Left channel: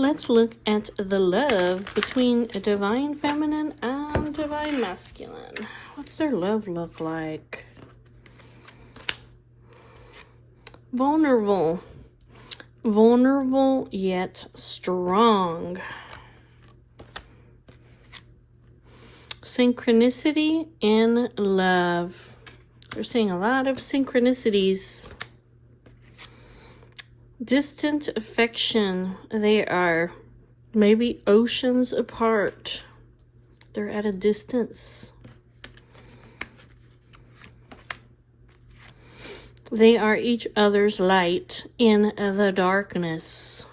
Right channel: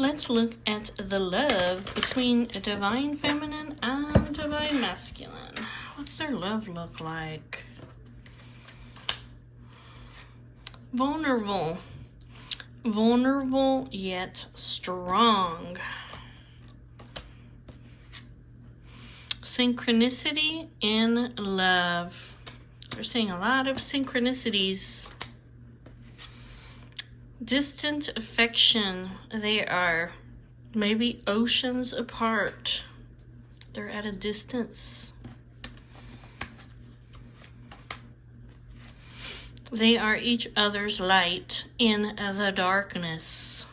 Let's look at the love between a divine feminine and divine masculine. What's their love look like? Vulnerable. Vulnerable yet strong. Synchronicity in love. We're seeing a lot of synchronicities. Distant affection. They are maybe oceans apart. They're at a distance. They are each other's light in the darkness.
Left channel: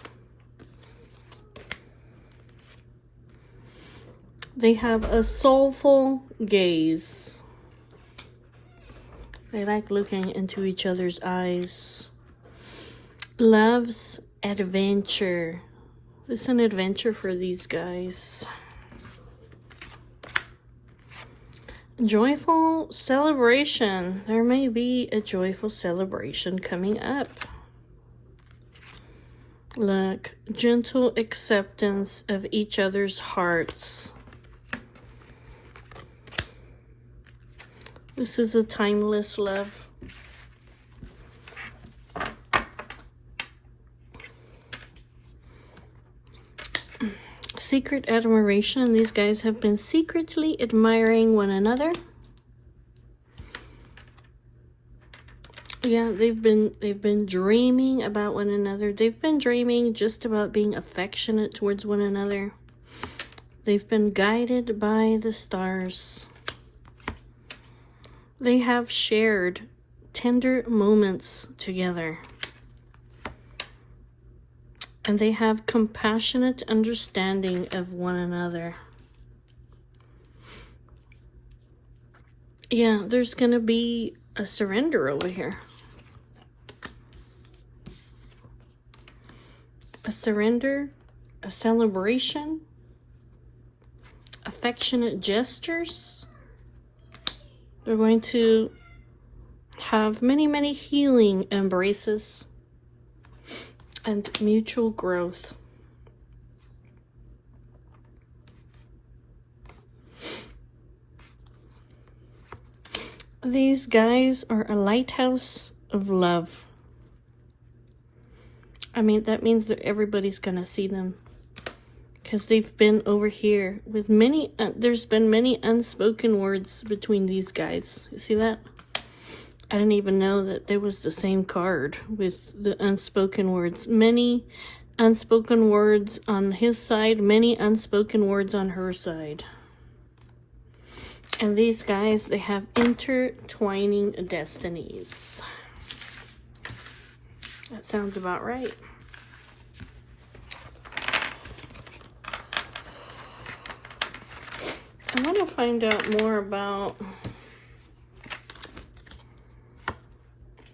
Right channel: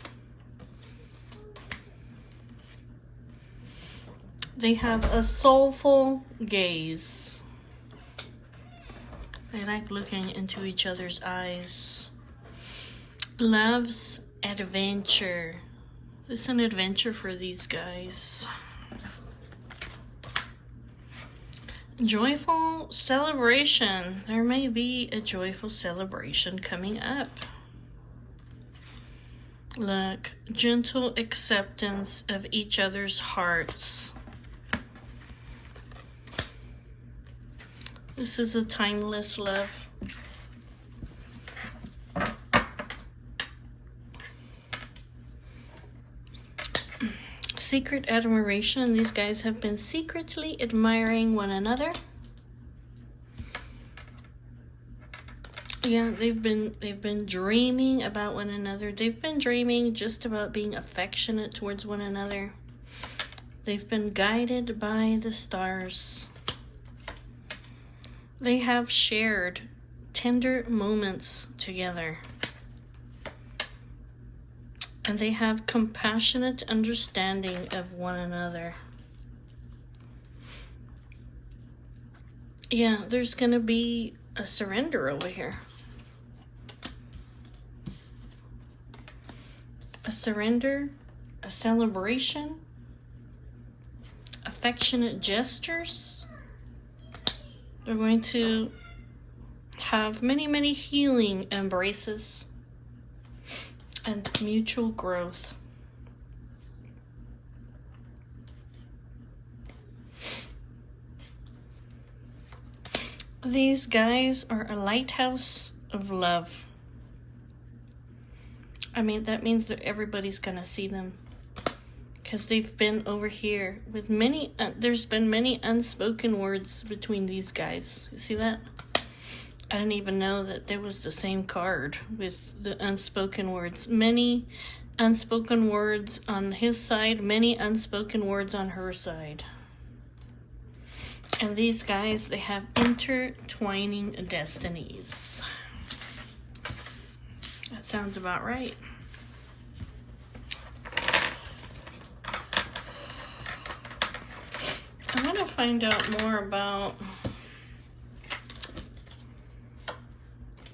They have a soulful gaze. They like looking into each other's eyes. Love's adventure. It's an adventure for these guys. Joyful celebration. There may be a joyful celebration coming up. Look, gentle acceptance of each other's hearts. This is a timeless love. Secret admiration. These guys have been secretly admiring one another. Yeah, they've been dreaming about one another. They've been dreaming just about being affectionate towards one another. They've been guided by the stars. They have shared tender moments together. And they have compassionate understanding of one another. Yeah, there's going to be a surrender over here. A surrender, a celebration, affectionate gestures. They're going to have many, many healing embraces and mutual growth. These guys are a lighthouse of love. I mean, that means that everybody's gonna see them. Because they've been over here with many, there's been many unspoken words between these guys. You see that? I didn't even know that there was the same card with the unspoken words. Many unspoken words on his side, many unspoken words on her side. And these guys, they have intertwining destinies. That sounds about right. I want to find out more about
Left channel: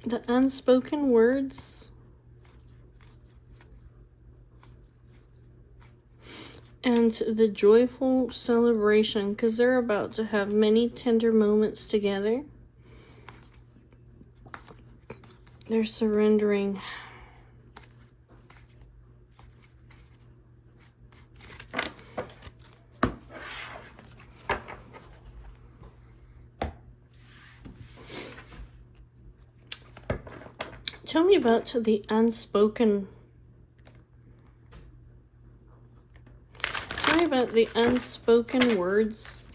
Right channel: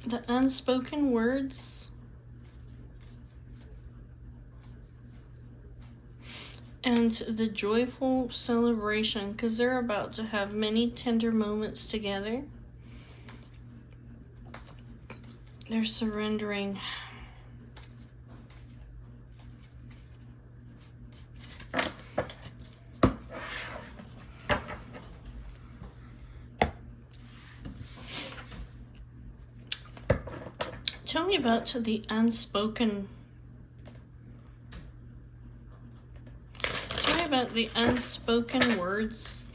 the unspoken words and the joyful celebration, because they're about to have many tender moments together. They're surrendering. Tell me about the unspoken. Tell me about the unspoken words.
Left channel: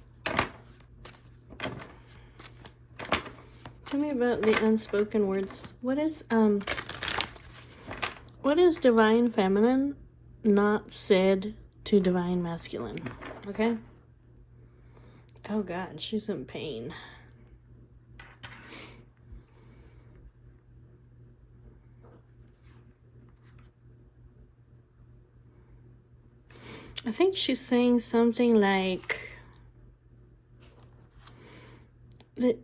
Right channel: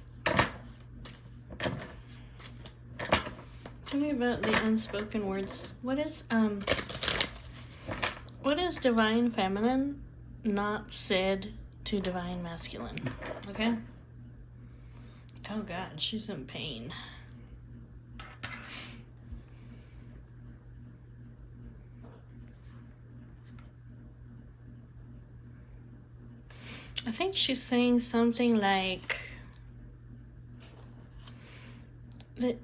Tell me about the unspoken words. What is divine feminine not said to divine masculine? Okay? Oh God, she's in pain. I think she's saying something like that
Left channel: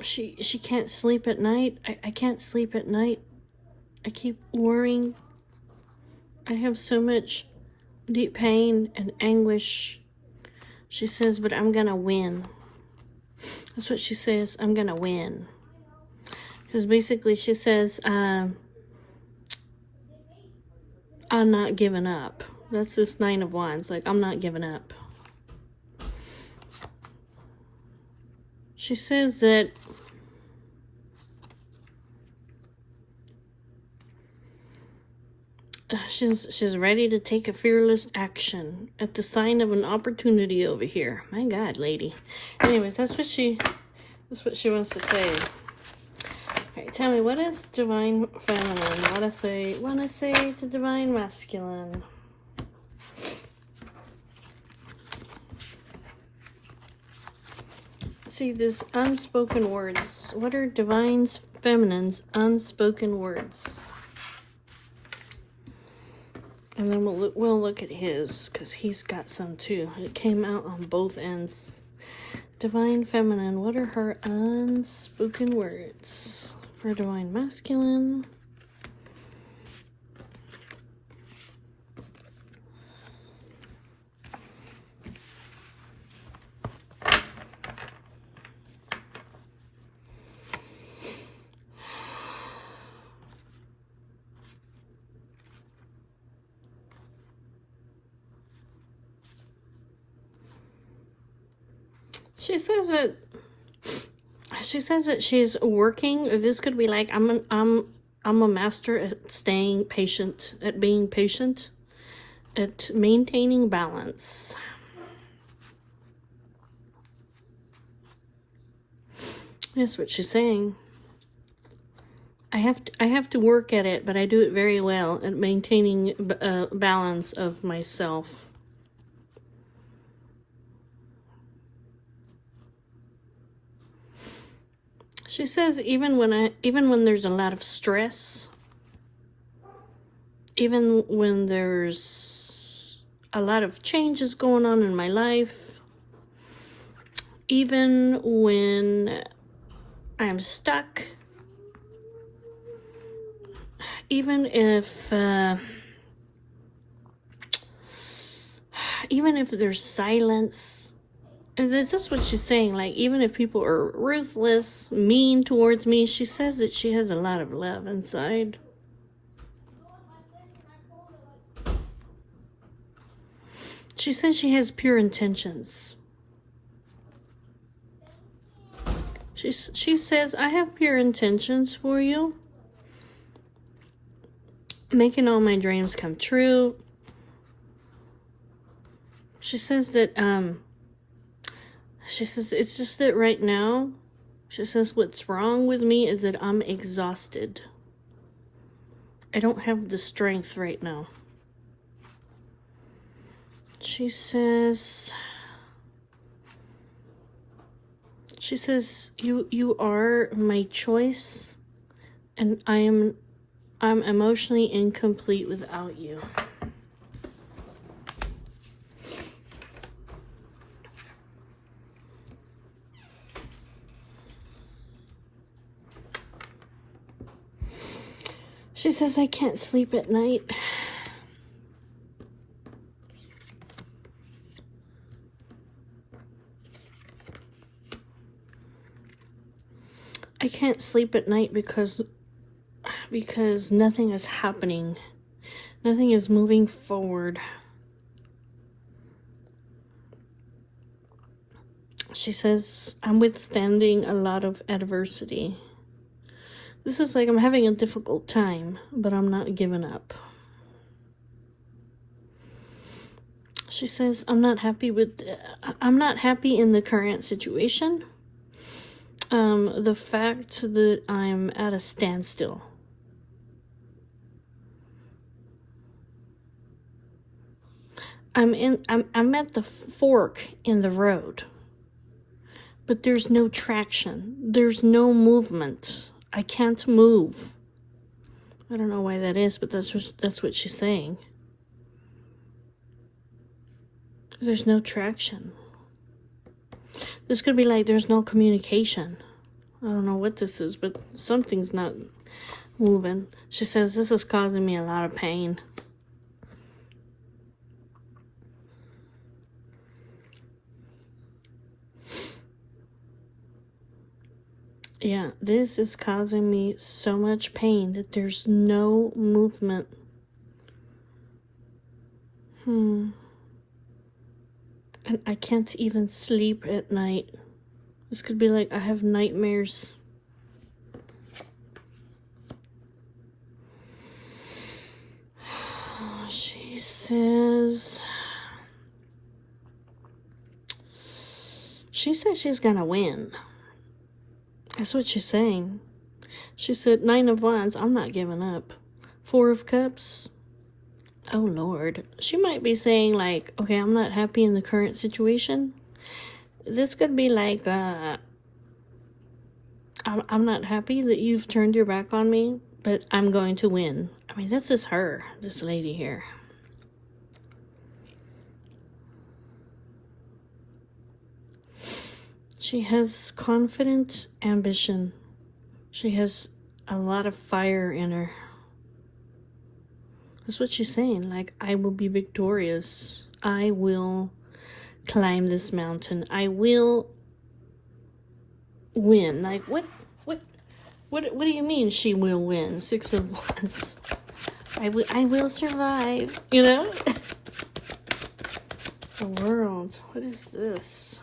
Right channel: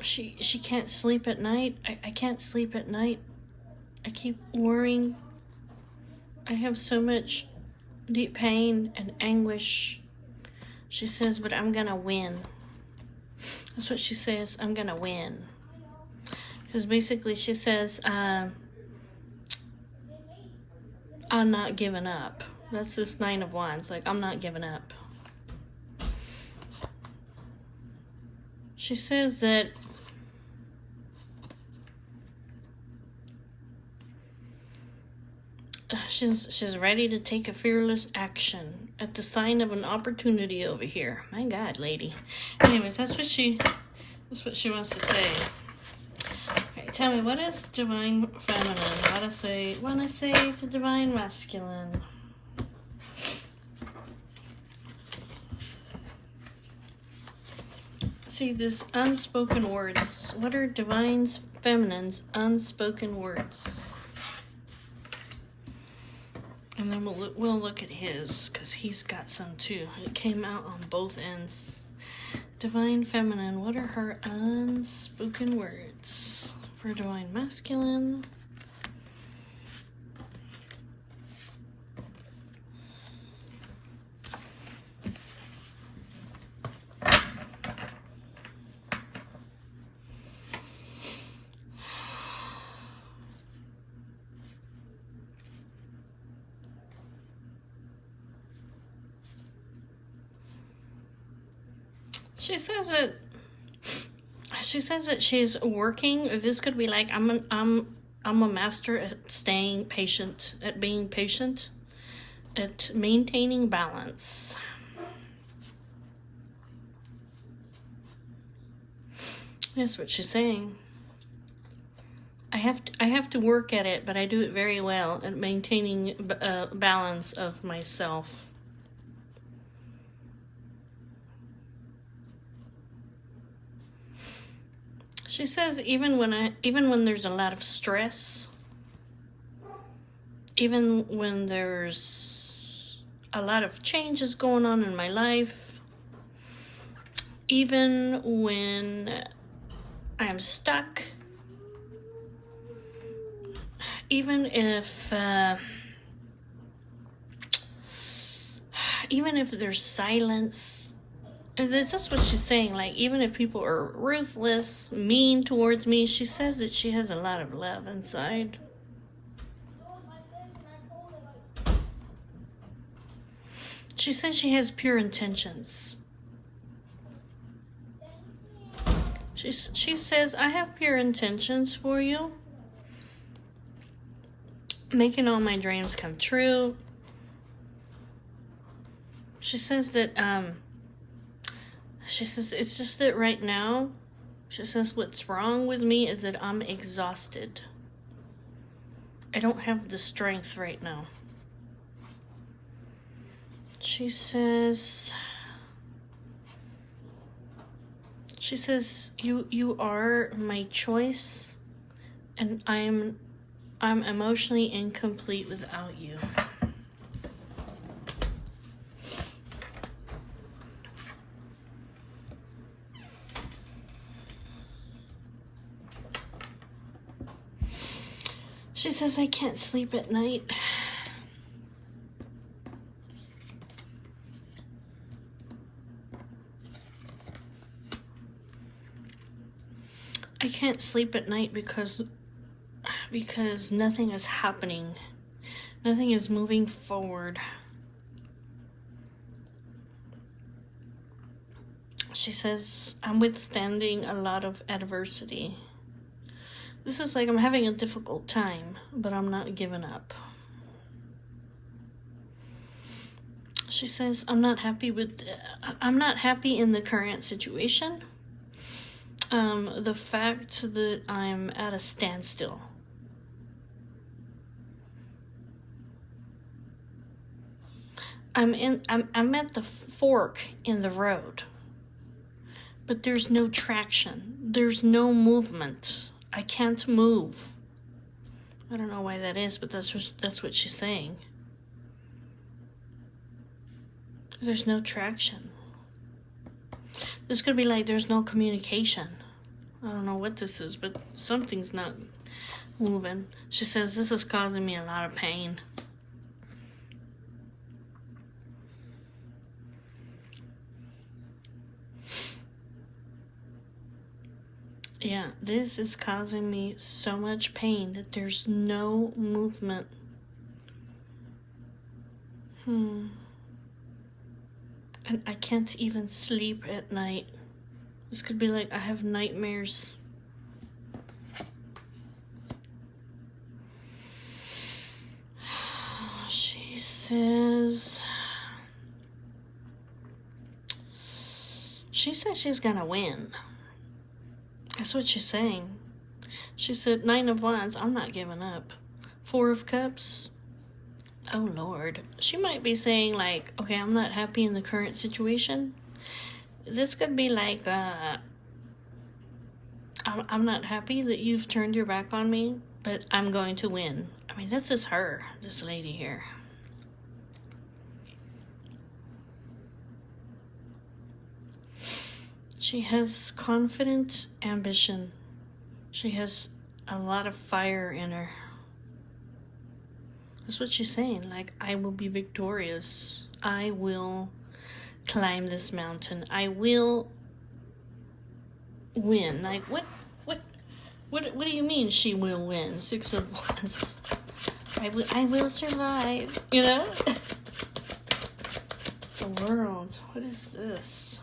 she can't sleep at night. I can't sleep at night. I keep worrying. I have so much deep pain and anguish. She says, but I'm gonna win. That's what she says. I'm gonna win. Because basically she says, I'm not giving up. That's this Nine of Wands. Like, I'm not giving up. She says that she's ready to take a fearless action at the sign of an opportunity over here. My God, lady. Anyways, that's what she wants to say. Okay, tell me, what is divine feminine? Want to say to divine masculine? See, this unspoken words. What are divine feminine's unspoken words? And then we'll look at his, because he's got some too. It came out on both ends. Divine feminine, what are her unspoken words? For divine masculine. She says that she's working. This could be like, I'm a master at staying patient, at being patient, at maintaining balance. That's what she's saying. I have to work at it, but I do it very well at maintaining balance of myself. She says even when there's a lot of stress, even when there's a lot of changes going on in my life, even when I'm stuck, even if there's silence. And this is what she's saying, like, even if people are ruthless, mean towards me, she says that she has a lot of love inside. She says she has pure intentions. She says, I have pure intentions for you. Making all my dreams come true. She says that, she says, it's just that right now, she says, what's wrong with me is that I'm exhausted. I don't have the strength right now. She says, you are my choice, and I'm emotionally incomplete without you. She says, I can't sleep at night. I can't sleep at night because nothing is happening. Nothing is moving forward. She says, I'm withstanding a lot of adversity. This is like I'm having a difficult time, but I'm not giving up. She says, I'm not happy in the current situation. The fact that I'm at a standstill. I'm at the fork in the road. But there's no traction. There's no movement. I can't move. I don't know why that is, but that's what she's saying. There's no traction. This could be like there's no communication. I don't know what this is, but something's not moving. She says, this is causing me a lot of pain. Yeah, this is causing me so much pain that there's no movement. And I can't even sleep at night. This could be like I have nightmares. She says she's gonna win. That's what she's saying. She said, 9 of Wands, I'm not giving up. 4 of Cups, oh Lord. She might be saying like, okay, I'm not happy in the current situation. This could be like, I'm not happy that you've turned your back on me, but I'm going to win. I mean, this is her, this lady here. She has confident ambition. She has a lot of fire in her. That's what she's saying. Like, I will be victorious. I will climb this mountain. I will win. Like, what do you mean she will win? 6 of Wands. I will survive. You know? The World. What is this?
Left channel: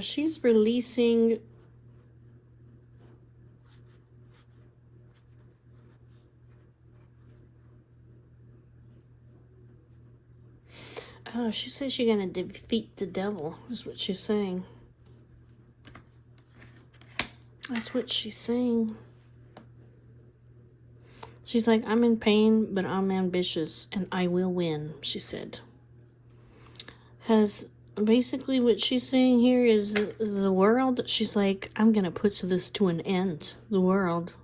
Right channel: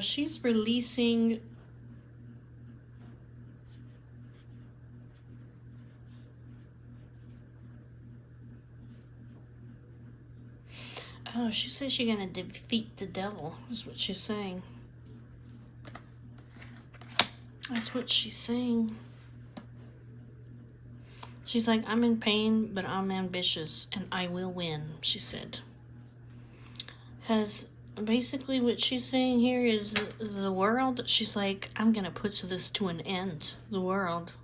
She's releasing she says she's gonna defeat the devil, is what she's saying. That's what she's saying. She's like, I'm in pain, but I'm ambitious, and I will win, she said. Because basically what she's saying here is the world, she's like, I'm going to put this to an end. The world.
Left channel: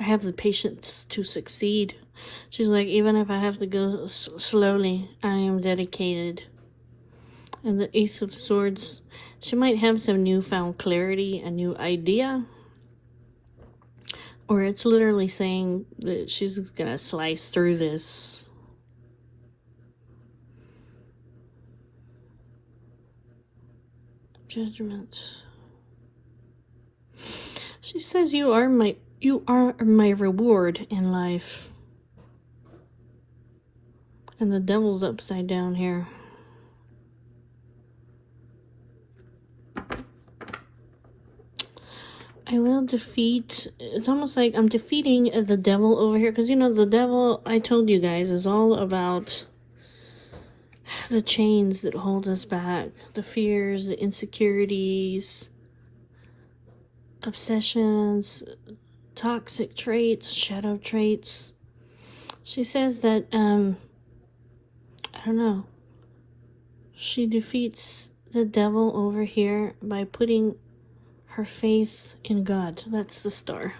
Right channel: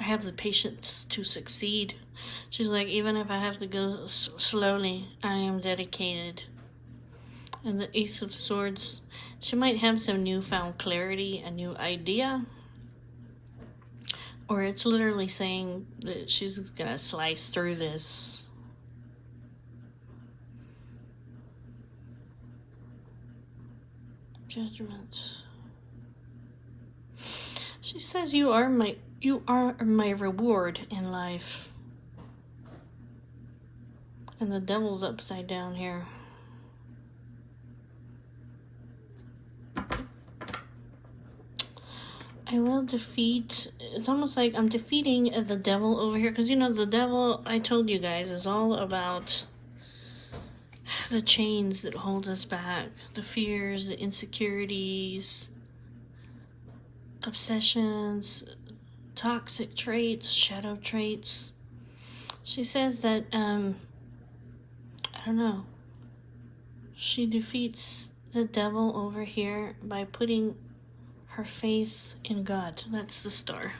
I have the patience to succeed. She's like, even if I have to go slowly, I am dedicated. And the Ace of Swords, she might have some newfound clarity, a new idea. Or it's literally saying that she's going to slice through this. Judgment. She says you are my reward in life. And the devil's upside down here. I will defeat, it's almost like I'm defeating the devil over here. Because, you know, the devil, I told you guys, is all about the chains that hold us back. The fears, the insecurities, obsessions, toxic traits, shadow traits. She says that, I don't know, she defeats the devil over here by putting her faith in God. That's the star.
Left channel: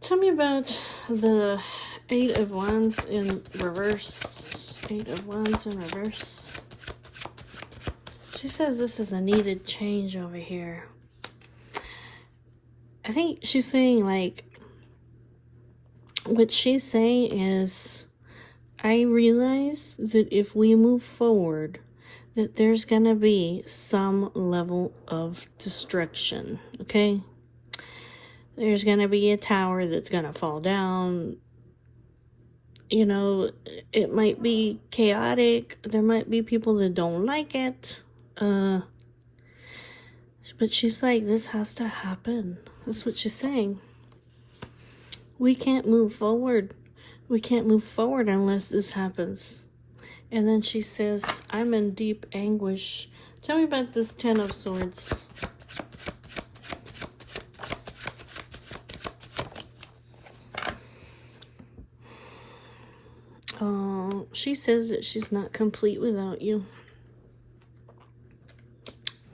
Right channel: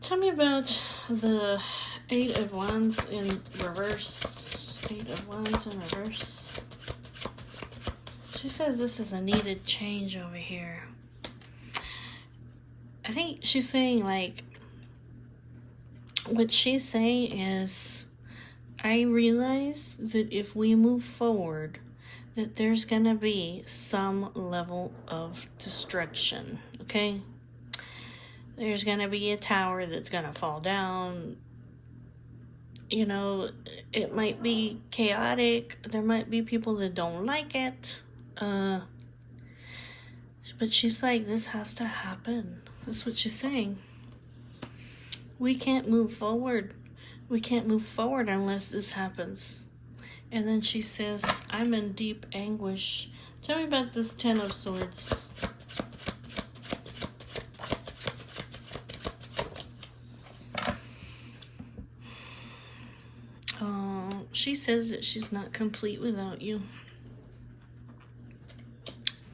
Tell me about the 8 of Wands in reverse. 8 of Wands in reverse. She says this is a needed change over here. I think she's saying, like, what she's saying is, I realize that if we move forward, that there's going to be some level of destruction, okay? There's going to be a tower that's going to fall down. You know, it might be chaotic. There might be people that don't like it. But she's like, this has to happen. That's what she's saying. We can't move forward. We can't move forward unless this happens. And then she says, I'm in deep anguish. Tell me about this 10 of Swords. She says that she's not complete without you.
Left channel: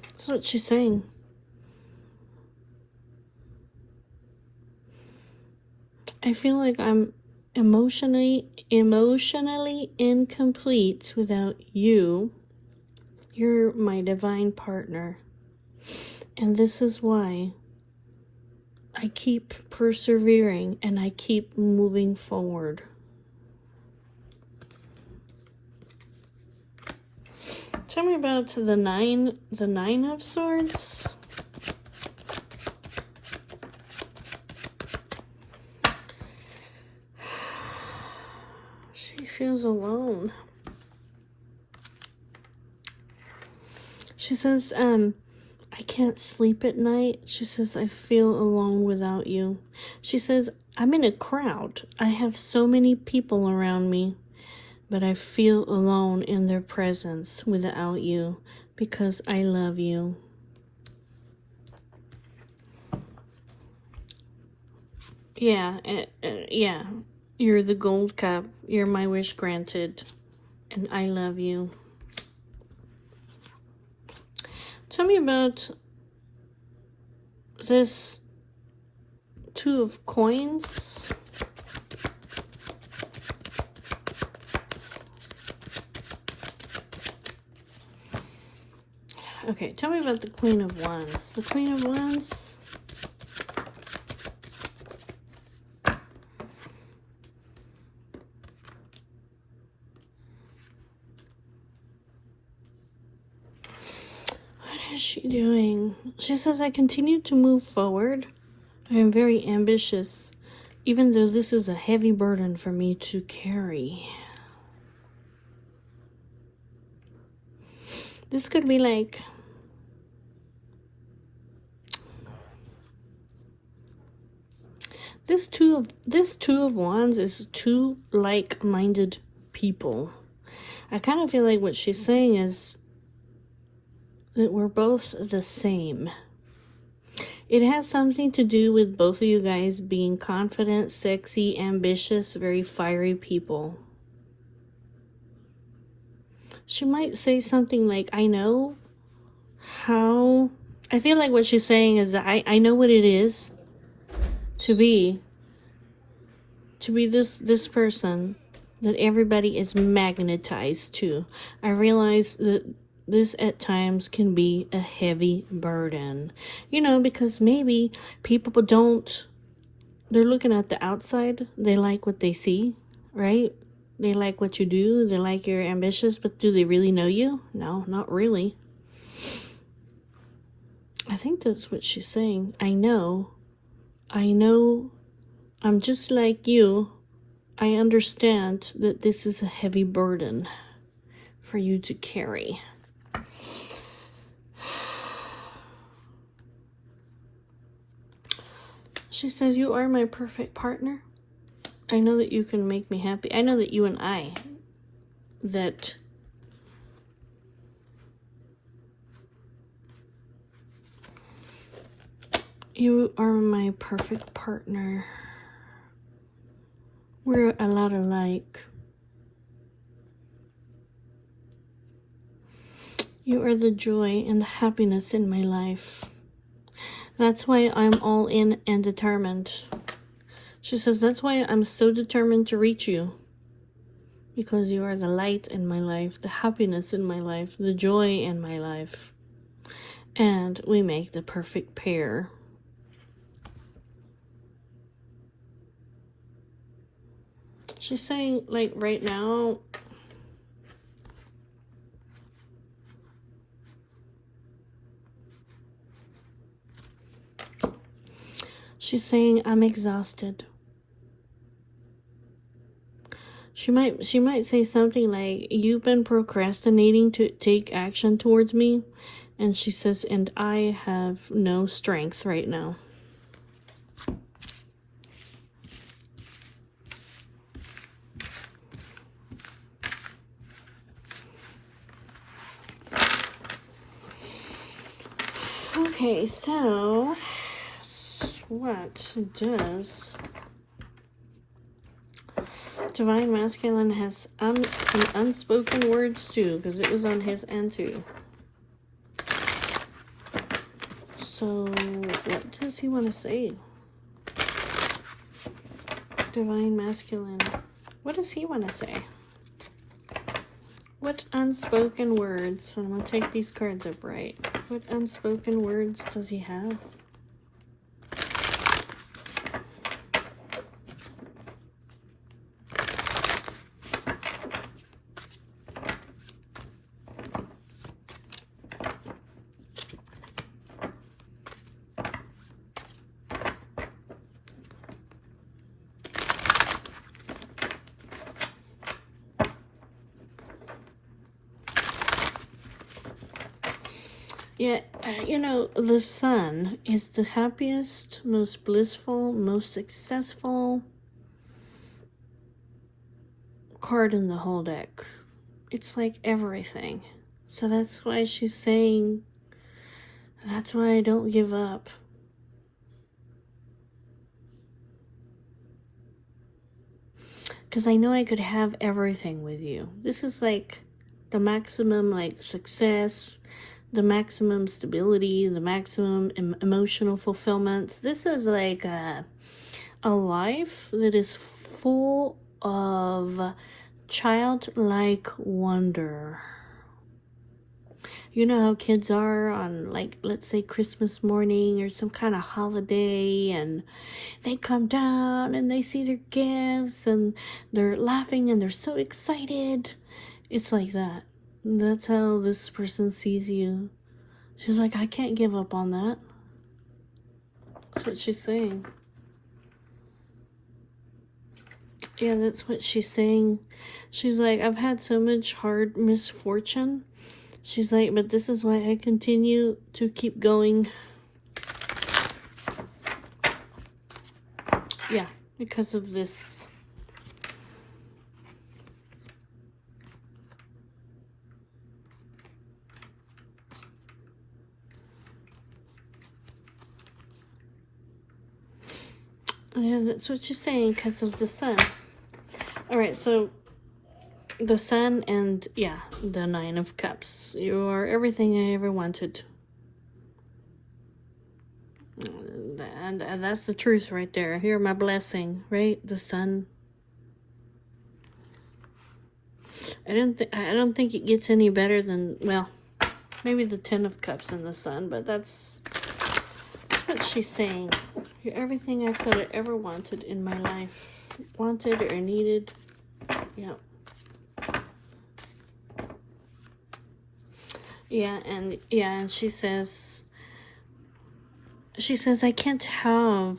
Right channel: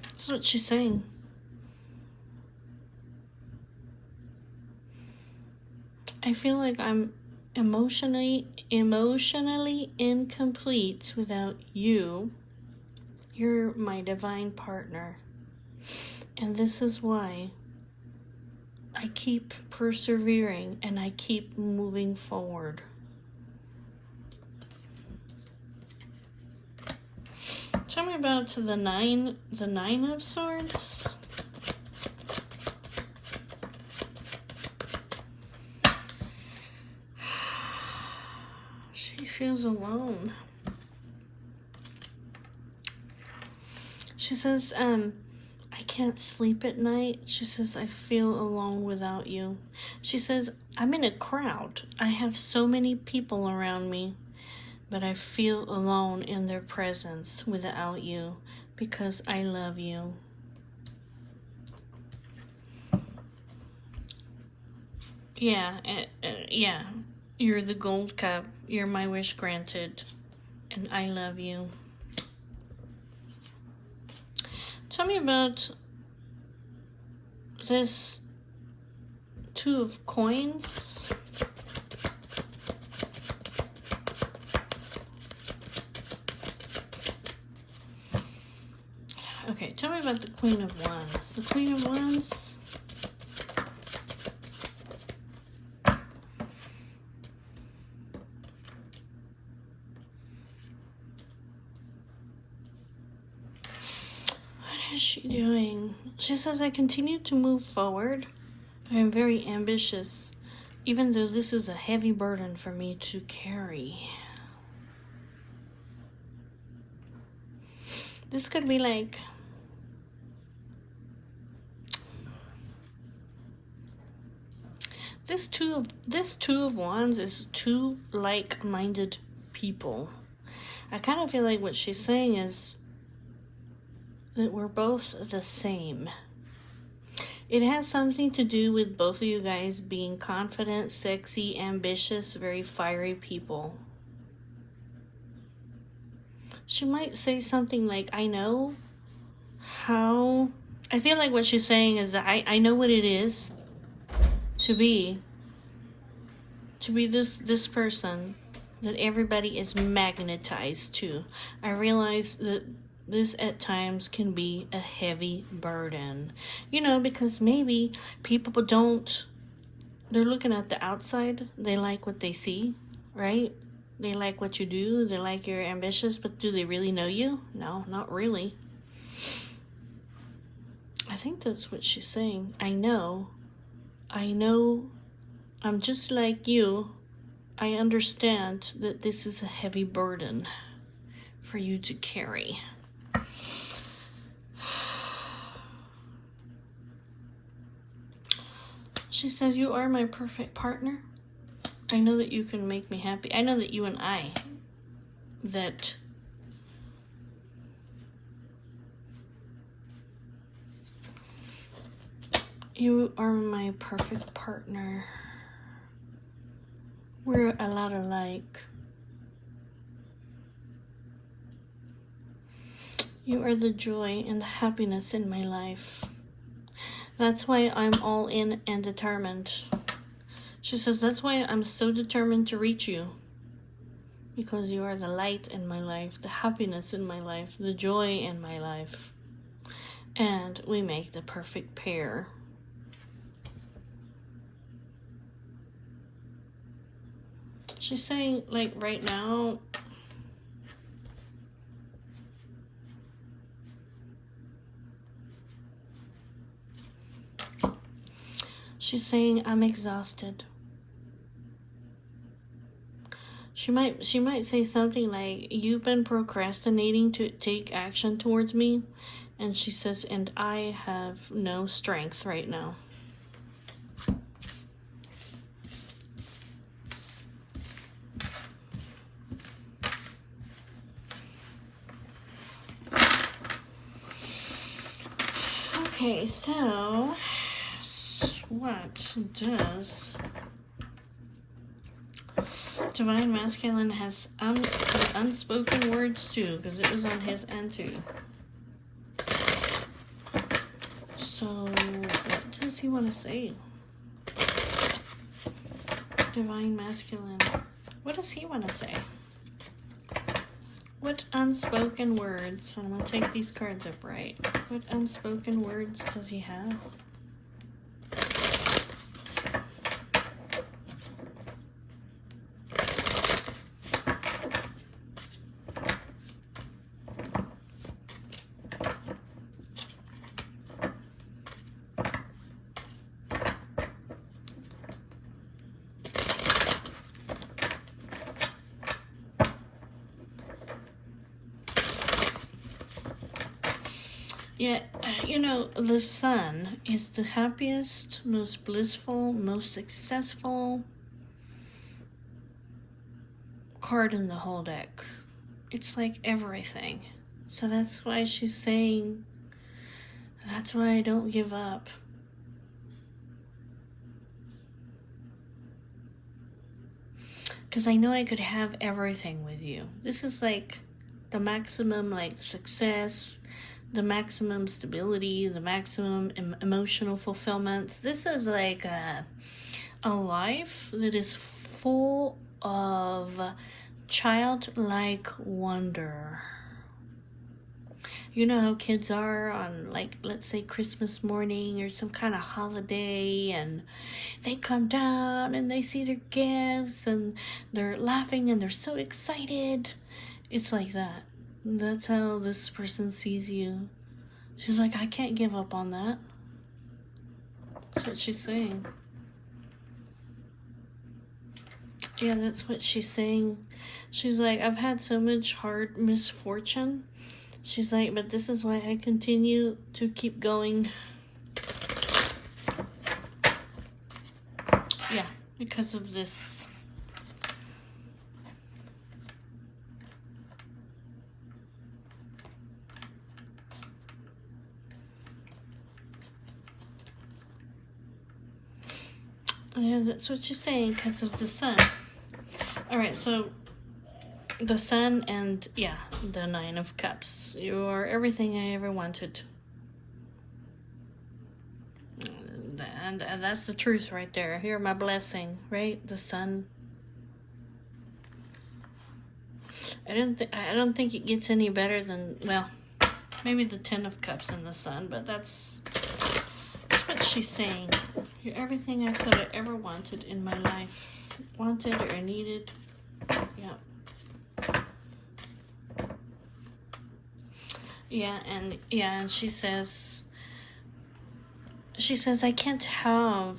That's what she's saying. I feel like I'm emotionally incomplete without you. You're my divine partner. And this is why I keep persevering and I keep moving forward. Tell me about the Nine of Swords. She feels alone. She says, I can't sleep at night. She says, I feel alone without you. She says, I'm in a crowd. I have so many people around me, but I feel alone in their presence without you because I love you. Yeah, yeah. You're the gold cup. You're my wish granted. And I love you. Tell me about this Two of Coins. Okay, tell me about the Queen of Wands. The Queen of Wands. What is she doing? She says, I continue to move forward. I am very ambitious, even though this is a heavy burden for me to carry. This could be like this two of Wands is two like-minded people. I kind of feel like what she's saying is that we're both the same. It has something to do with both of you guys being confident, sexy, ambitious, very fiery people. She might say something like, I know how... I feel like what she's saying is that I know what it is to be this person that everybody is magnetized to. I realize that this at times can be a heavy burden. You know, because maybe people they're looking at the outside, they like what they see, right? They like what you do, they like you're ambitious, but do they really know you? No, not really. I think that's what she's saying. I know, I'm just like you. I understand that this is a heavy burden for you to carry. She says, you are my perfect partner. I know that you can make me happy. I know that you and I, that you are my perfect partner. We're a lot alike. You are the joy and the happiness in my life. That's why I'm all in and determined. She says, that's why I'm so determined to reach you. Because you are the light in my life, the happiness in my life, the joy in my life. And we make the perfect pair. She's saying, like, right now, she's saying, I'm exhausted. She might say something like, you've been procrastinating to take action towards me. And she says, and I have no strength right now. Okay, so what does Divine Masculine has some unspoken words too, because it was on his end too. So what does he want to say? Divine Masculine. What does he want to say? What unspoken words? I'm going to take these cards upright. What unspoken words does he have? Yeah, you know, the Sun is the happiest, most blissful, most successful card in the whole deck. It's like everything. So that's why she's saying, that's why I don't give up. Because I know I could have everything with you. This is like the maximum like success, the maximum stability, the maximum emotional fulfillment. This is like a life that is full of childlike wonder. You know how kids are on, like, let's say Christmas morning or some kind of holiday, and they come down and they see their gifts and they're laughing and they're so excited. It's like that. That's how this person sees you. She's like, I can't give up on that. That's what she's saying. Yeah, that's what she's saying. She's like, I've had so much hard misfortune. She's like, but this is why I continue to keep going. Yeah, because of this. Yeah, that's what she's saying, because of the Sun. Alright, so the Sun and, yeah, the Nine of Cups. You're everything I ever wanted. And that's the truth right there. You're my blessing, right? The Sun. I don't think it gets any better than, well, maybe the Ten of Cups and the Sun, but that's what she's saying. You're everything I could have ever wanted in my life. Wanted or needed. Yeah. And she says I can't have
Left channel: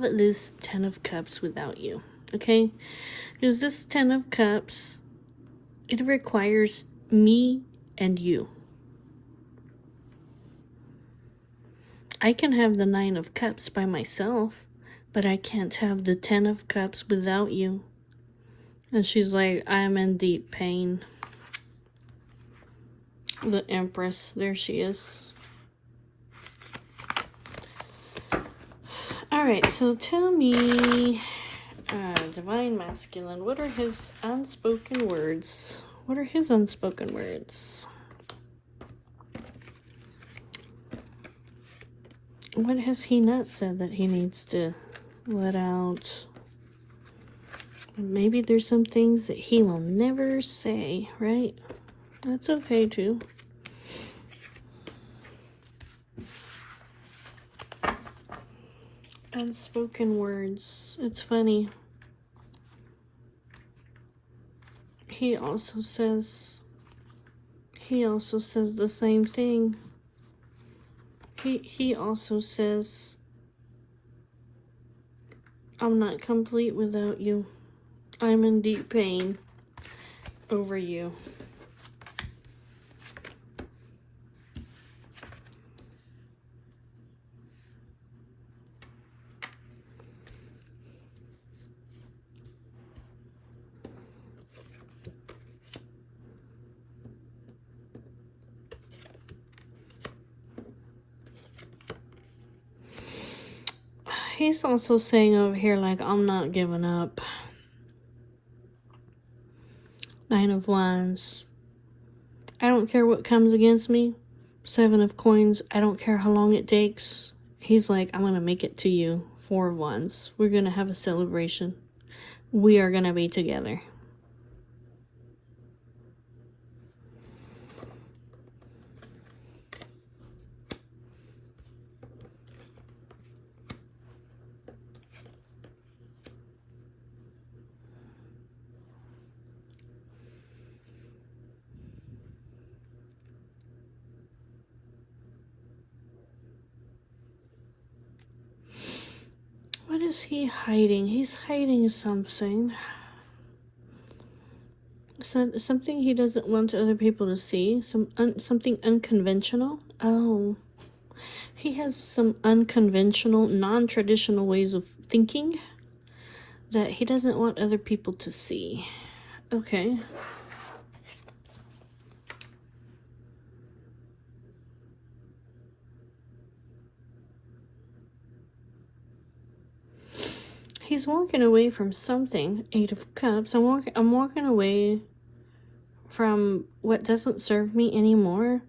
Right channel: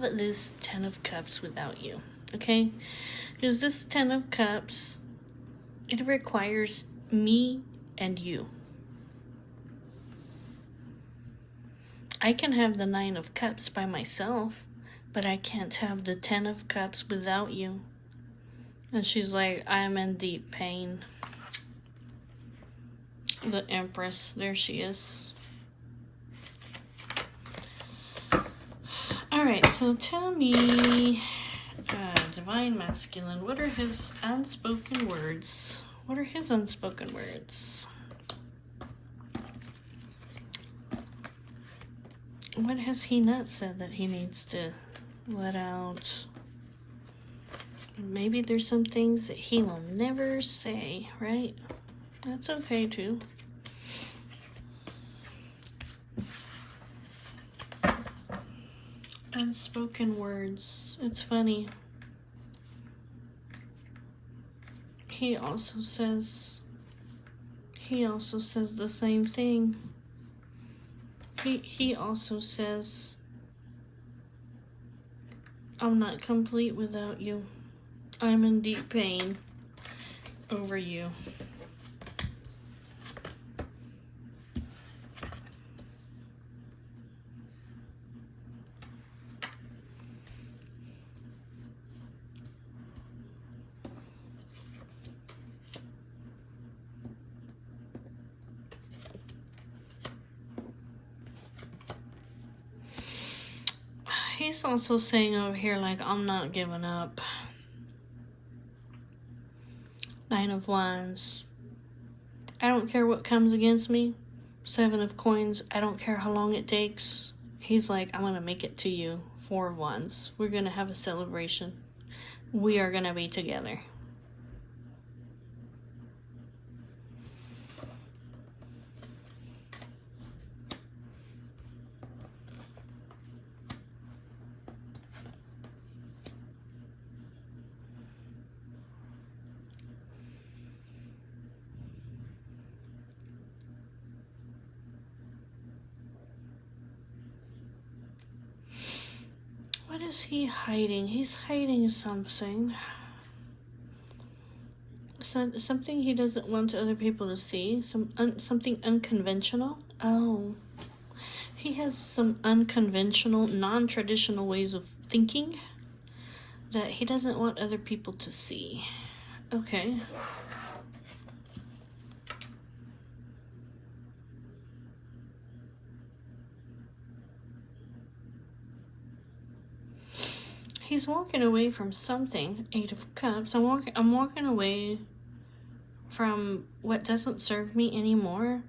this Ten of Cups without you. Okay? Because this Ten of Cups, it requires me and you. I can have the Nine of Cups by myself, but I can't have the Ten of Cups without you. And she's like, I'm in deep pain. The Empress, there she is. Alright, so tell me, Divine Masculine, what are his unspoken words? What are his unspoken words? What has he not said that he needs to let out? Maybe there's some things that he will never say, right? That's okay too. Unspoken words. It's funny. He also says the same thing. He also says, I'm not complete without you. I'm in deep pain over you. He's also saying over here, like, I'm not giving up. Nine of Wands. I don't care what comes against me. Seven of Coins. I don't care how long it takes. He's like, I'm going to make it to you. Four of Wands. We're going to have a celebration. We are going to be together. What is he hiding? He's hiding something. something he doesn't want other people to see. Something unconventional. Oh, he has some unconventional, non-traditional ways of thinking that he doesn't want other people to see. Okay. He's walking away from something. 8 of Cups. I'm walking away from what doesn't serve me anymore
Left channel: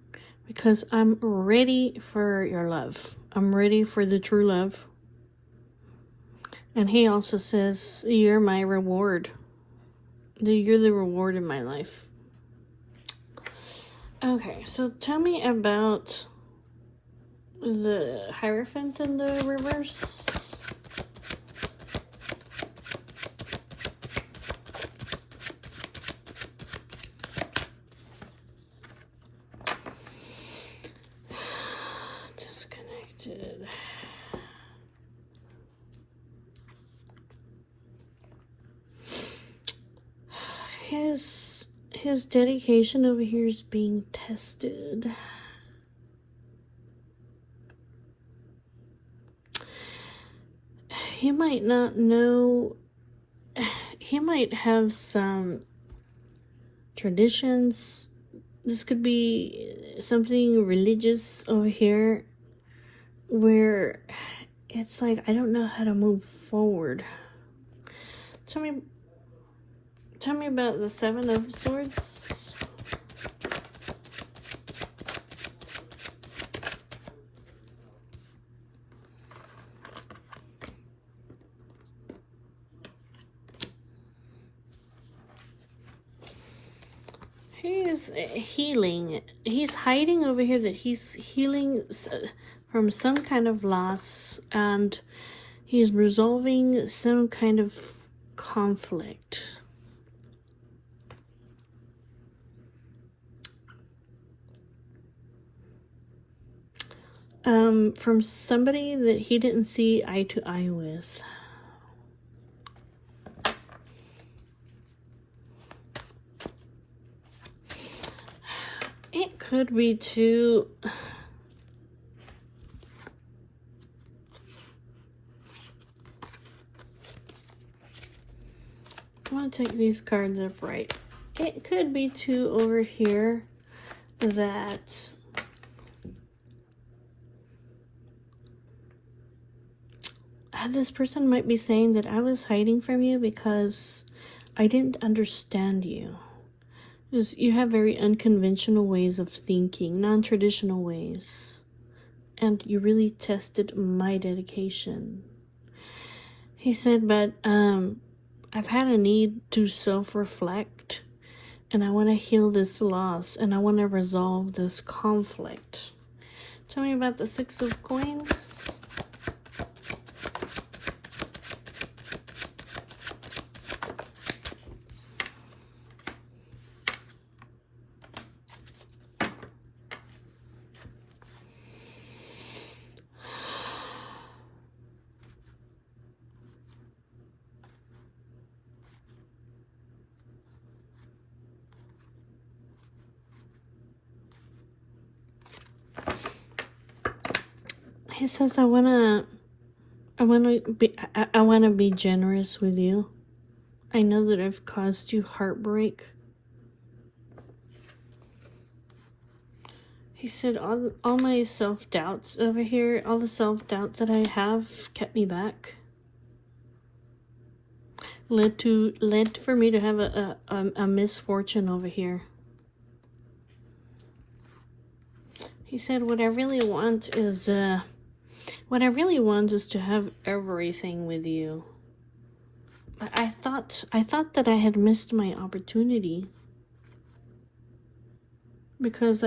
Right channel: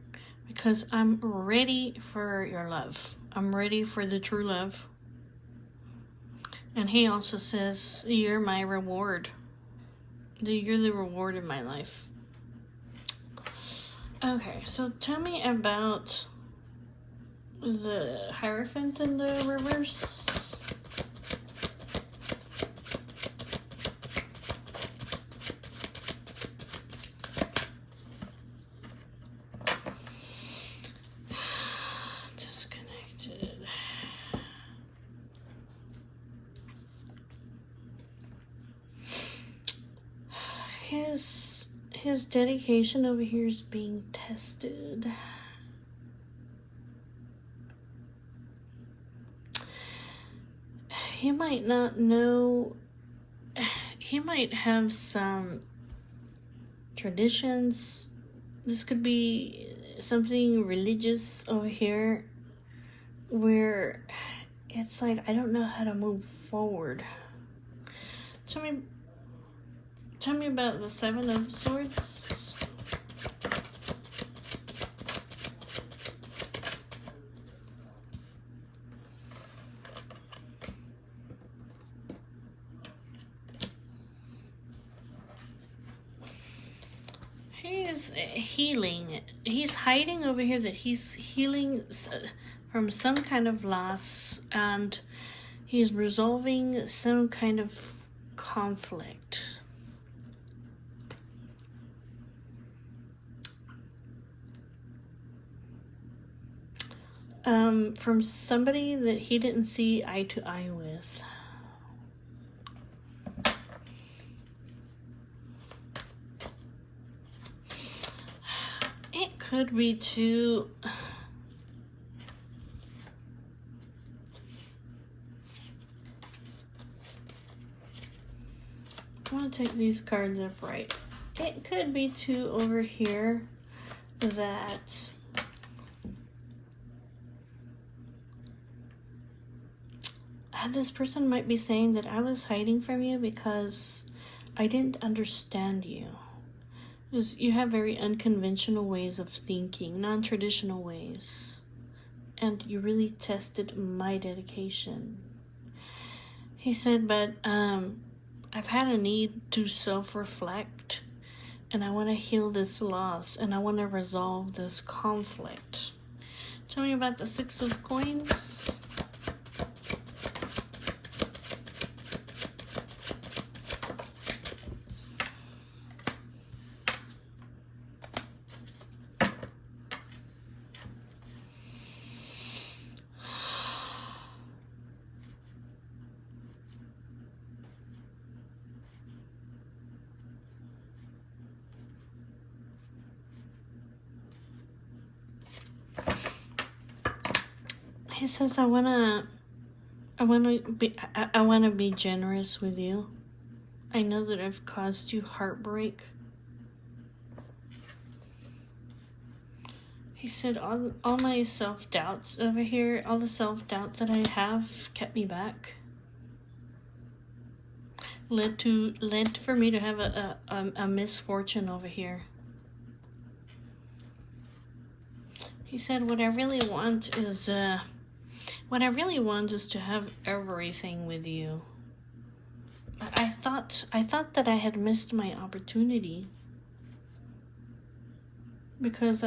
because I'm ready for your love. I'm ready for the true love. And he also says, you're my reward. You're the reward in my life. Okay, so tell me about the Hierophant in the reverse. Disconnected. His dedication over here is being tested. He might not know. He might have some traditions. This could be something religious over here where it's like, I don't know how to move forward. Tell me about the 7 of Swords. He's healing. He's hiding over here that he's healing from some kind of loss, and he's resolving some kind of conflict. From somebody that he didn't see eye to eye with. It could be too. I'm gonna take these cards upright. It could be too over here that this person might be saying that I was hiding from you because I didn't understand you. You have very unconventional ways of thinking, non-traditional ways. And you really tested my dedication. He said, but I've had a need to self-reflect, and I want to heal this loss, and I want to resolve this conflict. Tell me about the 6 of Coins. He says, I wanna be generous with you. I know that I've caused you heartbreak. He said, all my self-doubts over here, all the self-doubts that I have kept me back. Led for me to have a misfortune over here. He said, what I really want is to have everything with you. I thought that I had missed my opportunity because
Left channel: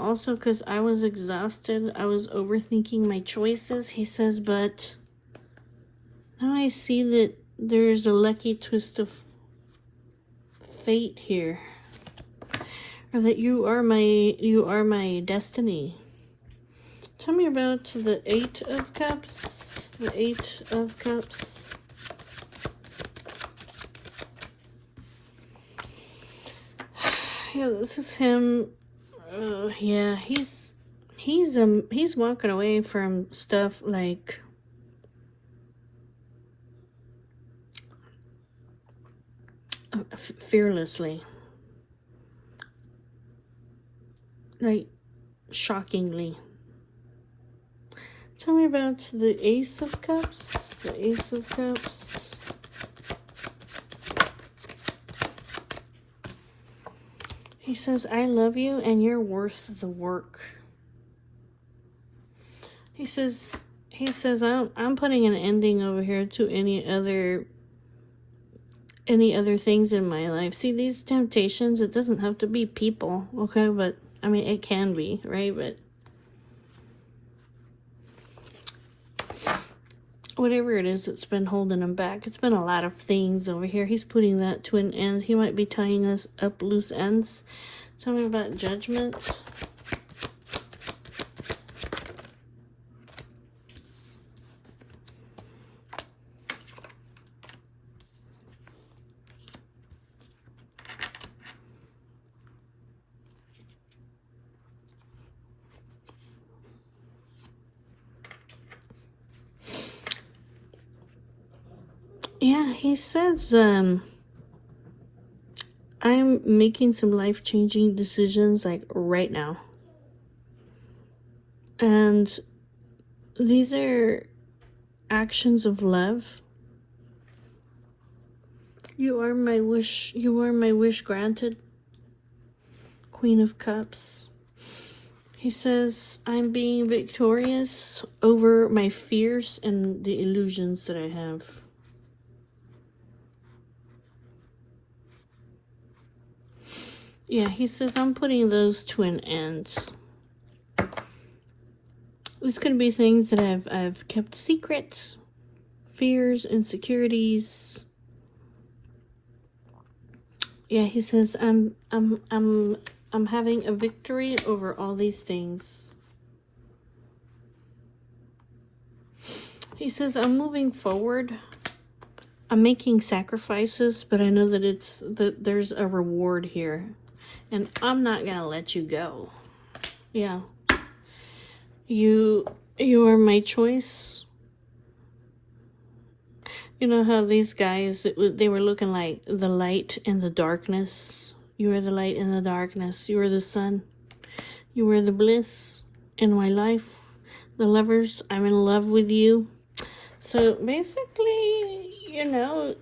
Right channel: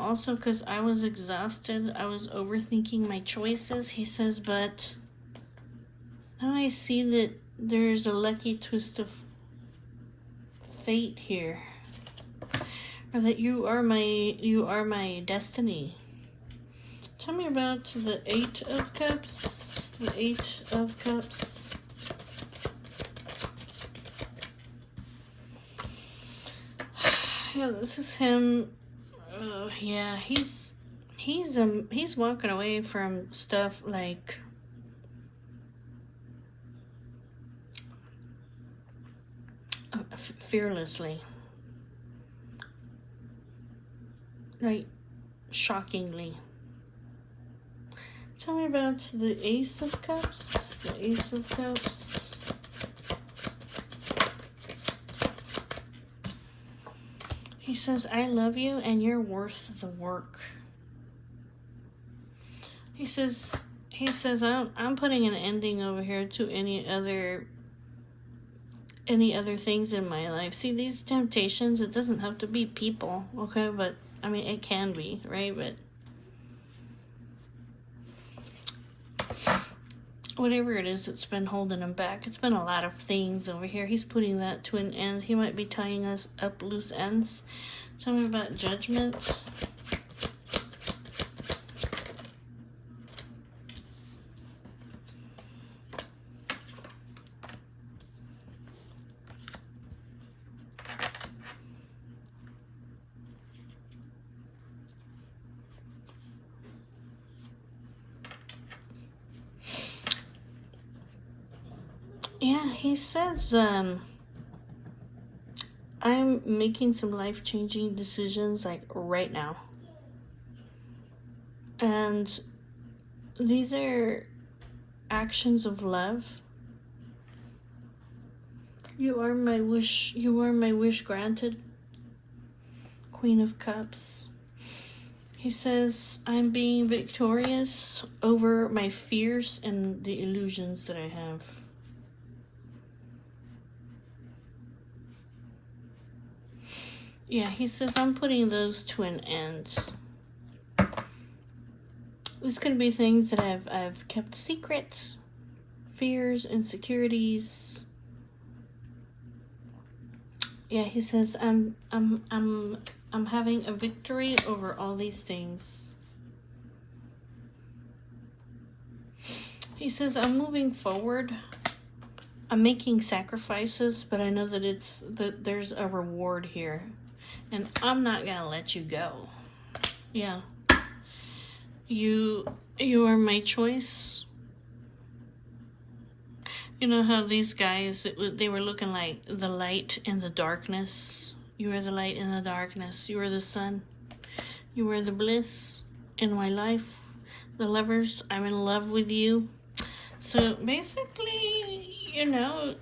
also because I was exhausted. I was overthinking my choices. He says, but now I see that there's a lucky twist of fate here. Or that you are my destiny. Tell me about the 8 of Cups. The 8 of Cups. This is him. Yeah, he's walking away from stuff like fearlessly, like shockingly. Tell me about the Ace of Cups. The Ace of Cups. He says, I love you and you're worth the work. He says, I'm putting an ending over here to any other things in my life. See, these temptations, it doesn't have to be people, okay? But, I mean, it can be, right? But whatever it is that's been holding him back, it's been a lot of things over here. He's putting that to an end. He might be tying this up loose ends. Tell me about Judgment. Yeah, he says, I'm making some life-changing decisions, like, right now. And these are actions of love. You are my wish granted. Queen of Cups. He says, I'm being victorious over my fears and the illusions that I have. Yeah, he says, I'm putting those to an end. These could be things that I've kept secret. Fears, insecurities. Yeah, he says, I'm having a victory over all these things. He says, I'm moving forward. I'm making sacrifices, but I know that there's a reward here. And I'm not gonna let you go. Yeah. You are my choice. You know how these guys, they were looking like the light in the darkness. You are the light in the darkness. You are the sun. You are the bliss in my life. The lovers, I'm in love with you. So basically, you know,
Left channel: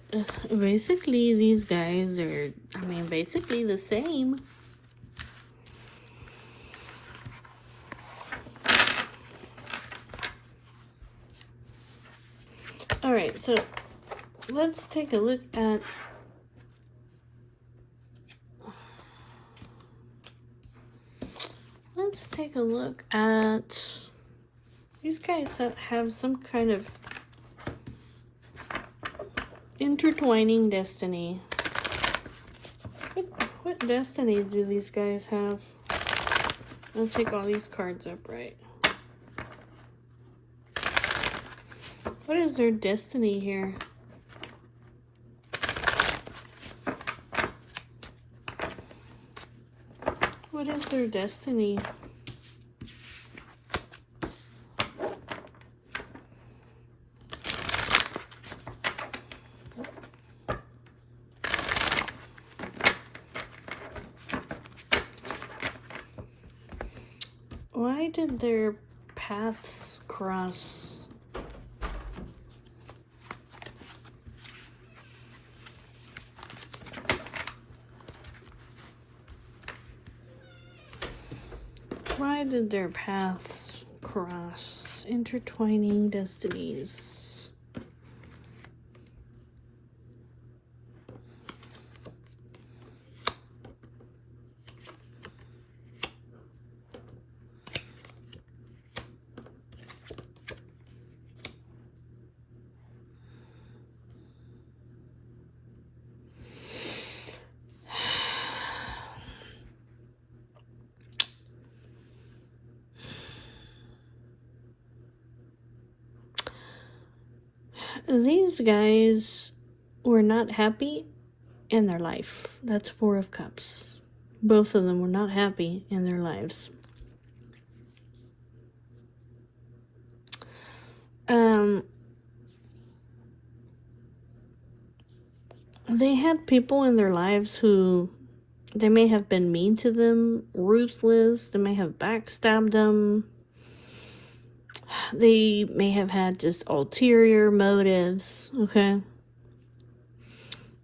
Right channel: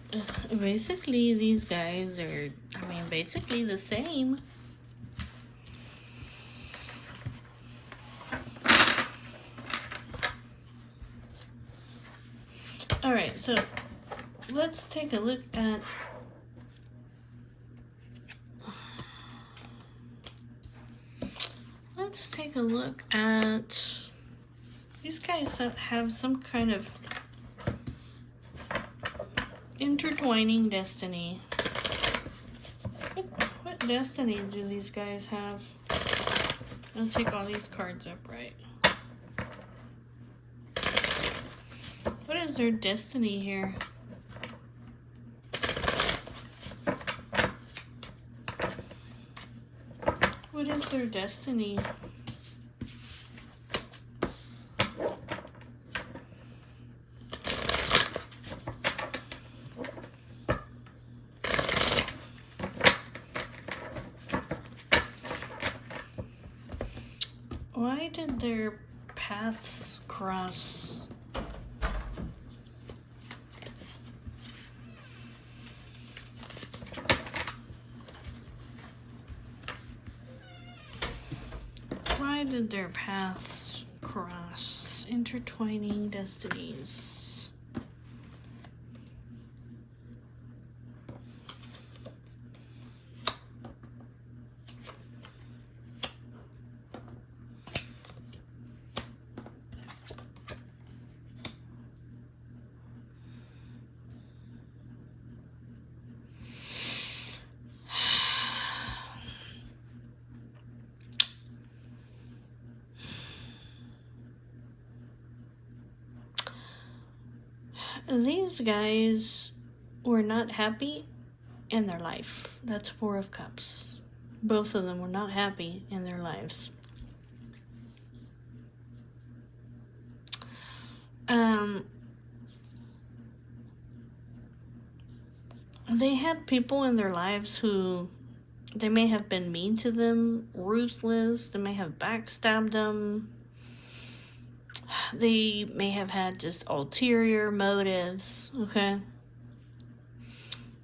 basically these guys are, I mean, basically the same. Alright, so let's take a look at these guys that have some kind of intertwining destiny. What destiny do these guys have? I'll take all these cards upright. What is their destiny here? What is their destiny? Why did their paths cross? Why did their paths cross? Intertwining destinies. These guys were not happy in their life. That's Four of Cups. Both of them were not happy in their lives. They had people in their lives who, they may have been mean to them, ruthless, they may have backstabbed them. They may have had just ulterior motives, okay?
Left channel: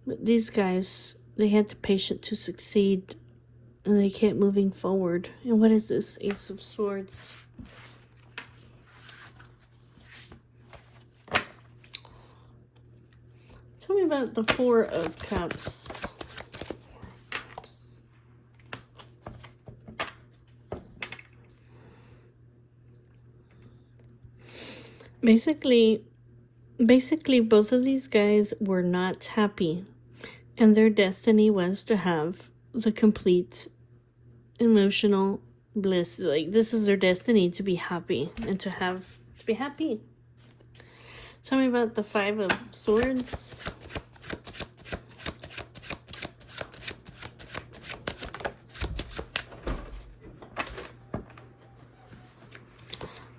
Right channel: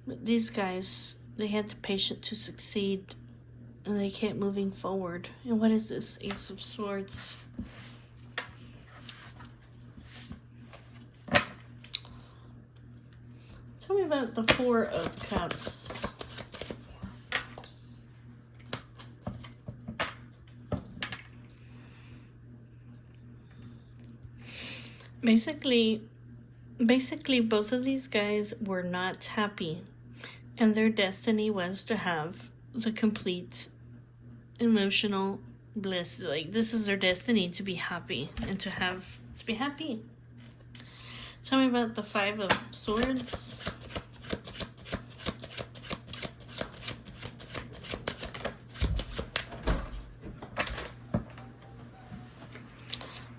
But these guys, they had the patience to succeed, and they kept moving forward. And what is this? Ace of Swords. Tell me about the Four of Cups. Basically, both of these guys were not happy, and their destiny was to have the complete emotional bliss. Like, this is their destiny, to be happy and to be happy. Tell me about the Five of Swords.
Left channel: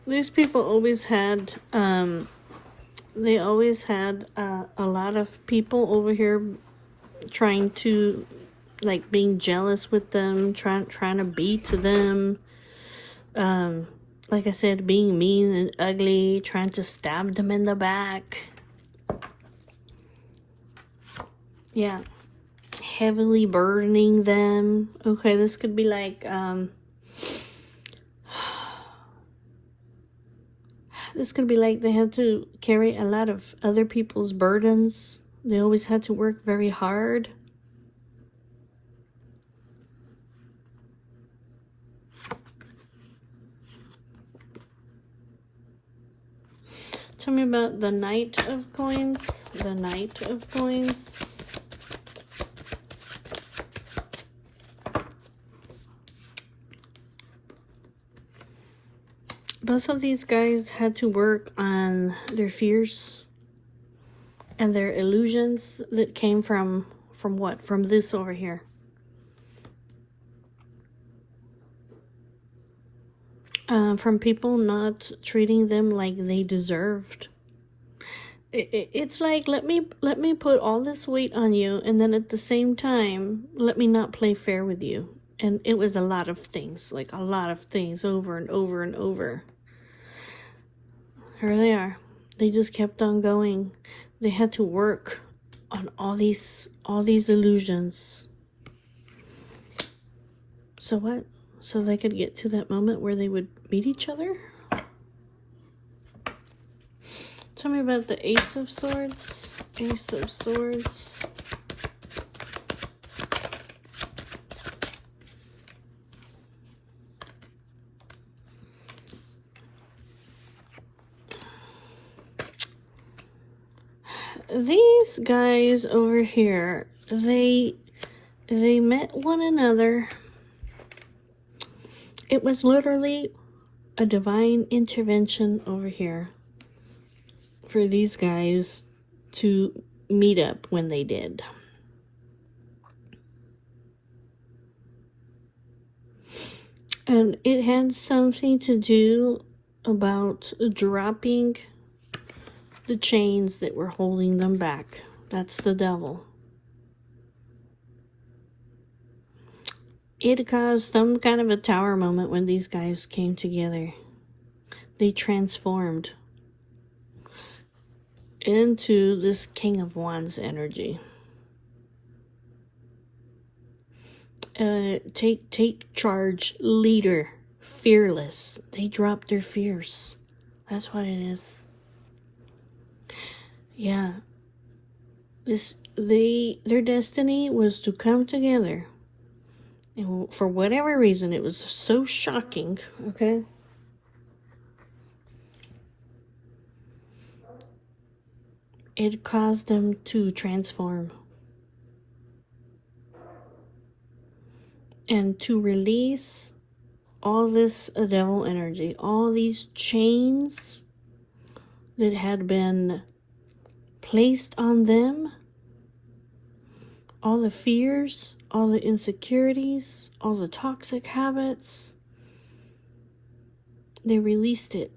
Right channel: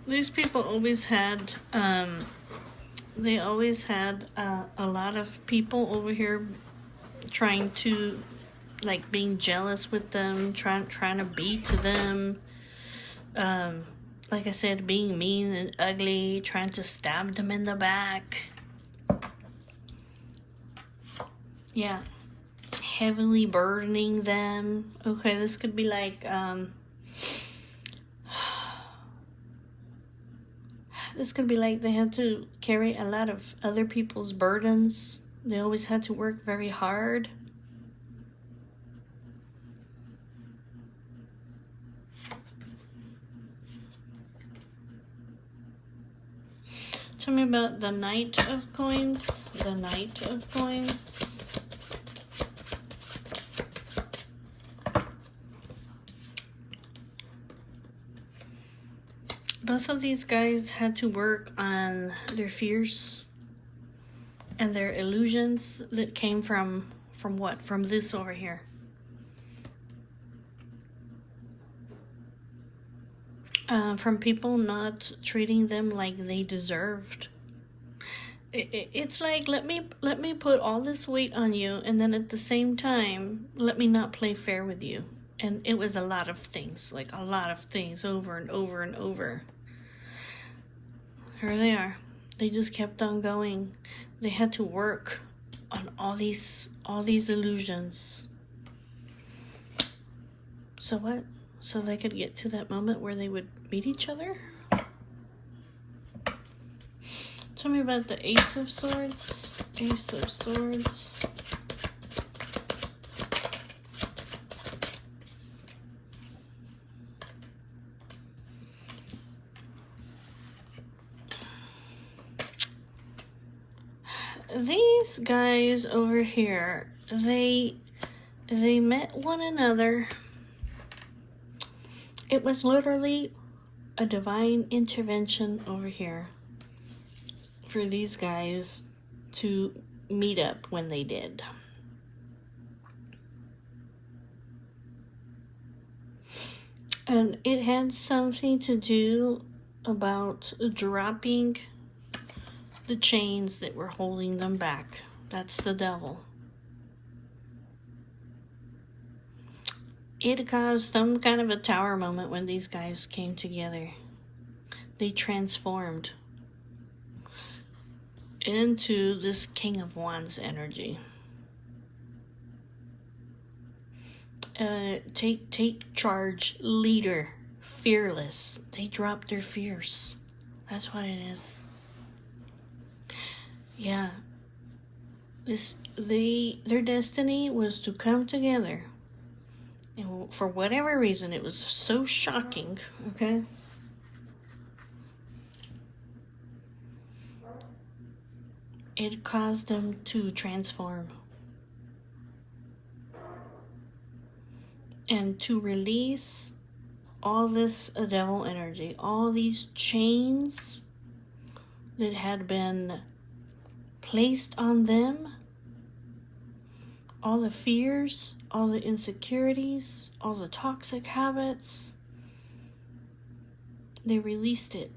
These people always had, they always had a lot of people over here trying to, like, being jealous with them, trying to beat them. Like I said, being mean and ugly, trying to stab them in the back. Yeah. Heavily burdening them. Okay, this could be like, this could be like they had to carry a lot of other people's burdens. They always had to work very hard. Tell me about the Knight of Coins. The Knight of Coins. Both of these guys had to work on their fears and their illusions that came from what? From this over here. From people not treating them like they deserved. It's like, let me put all this weight on you, and then at the same time, let me not play fair with you. And it was a lot of things, like a lot of things over and over and over. Here they are. They just kept on going. They had to work on all these illusions. So what? So they could get to that moment where they would meet each other? Tell me about the Ace of Swords. Ace of Swords. These guys over here, they met one another. It was literally a divine intervention over here for these guys to meet up when they did. And it had something to do about dropping the chains that were holding them back. That's the devil. It caused some kind of a tower moment when these guys came together. They transformed into this King of Wands energy. Take charge, leader, fearless. They dropped their fears. That's what it is. Yeah. Their destiny was to come together. And for whatever reason, it was so shocking, okay? It caused them to transform. And to release all this devil energy, all these chains that had been placed on them, all the fears, all the insecurities, all the toxic habits. They released it.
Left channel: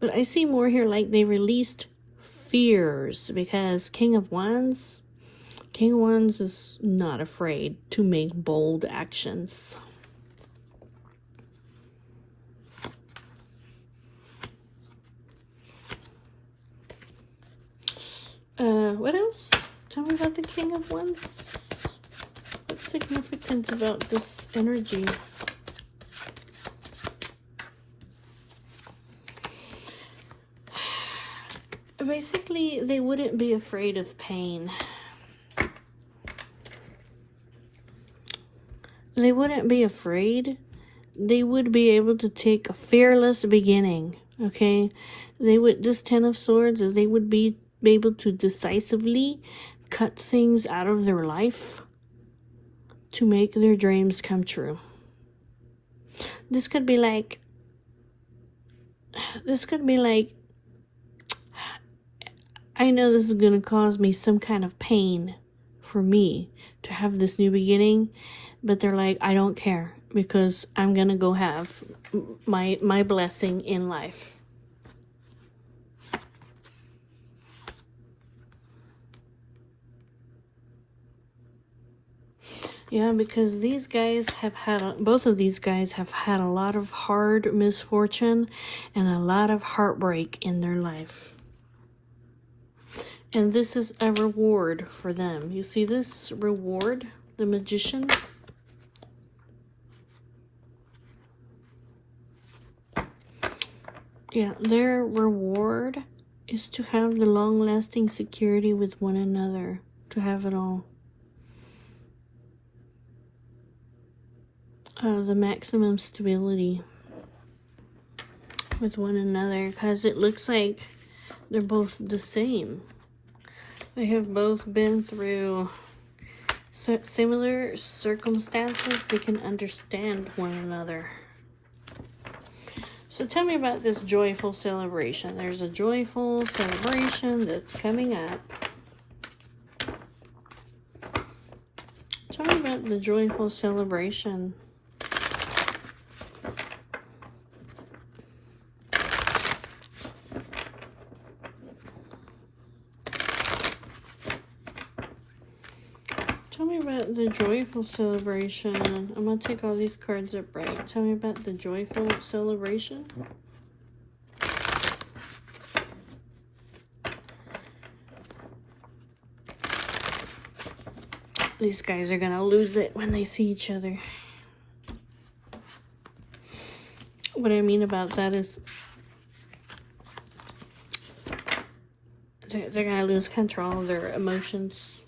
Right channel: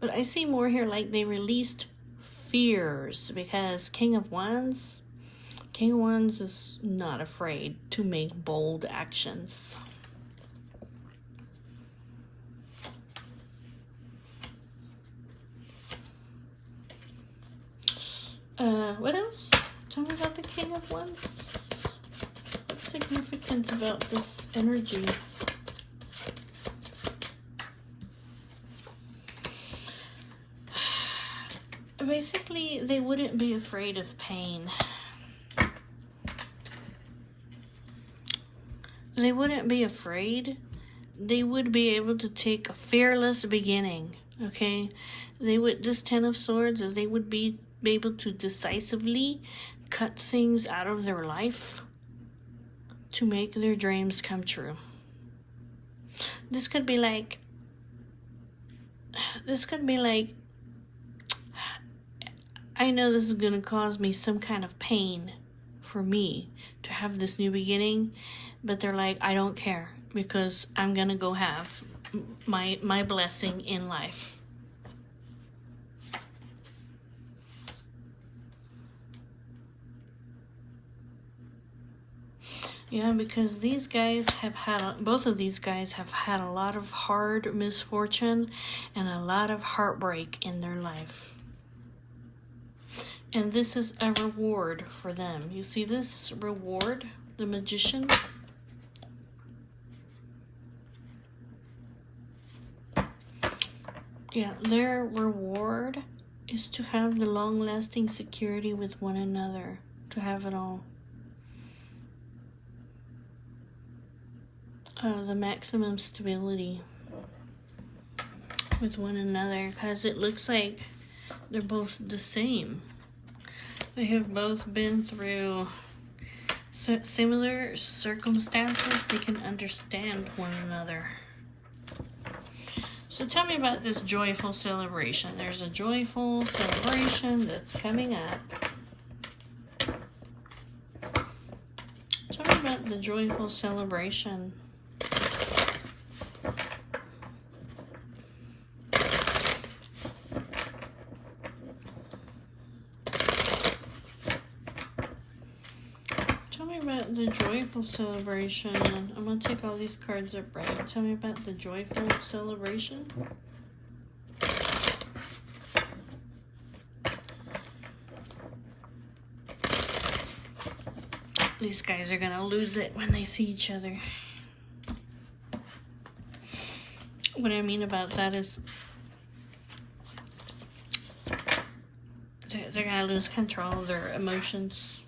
But I see more here like they released fears, because King of Wands is not afraid to make bold actions. What else? Tell me about the King of Wands. What's significant about this energy? Basically, they wouldn't be afraid of pain. They wouldn't be afraid. They would be able to take a fearless beginning, okay? This Ten of Swords, is they would be able to decisively cut things out of their life to make their dreams come true. This could be like, I know this is going to cause me some kind of pain for me to have this new beginning, but they're like, I don't care, because I'm going to go have my blessing in life. Yeah, because these guys both of these guys have had a lot of hard misfortune and a lot of heartbreak in their life. And this is a reward for them. You see this reward, the Magician? Yeah, their reward is to have the long-lasting security with one another, to have it all. The maximum stability with one another, because it looks like they're both the same. They have both been through similar circumstances. They can understand one another. So tell me about this joyful celebration. There's a joyful celebration that's coming up. Tell me about the joyful celebration. Tell me about the joyful celebration. I'm going to take all these cards up right. Tell me about the joyful celebration. These guys are going to lose it when they see each other. What I mean about that is they're going to lose control of their emotions.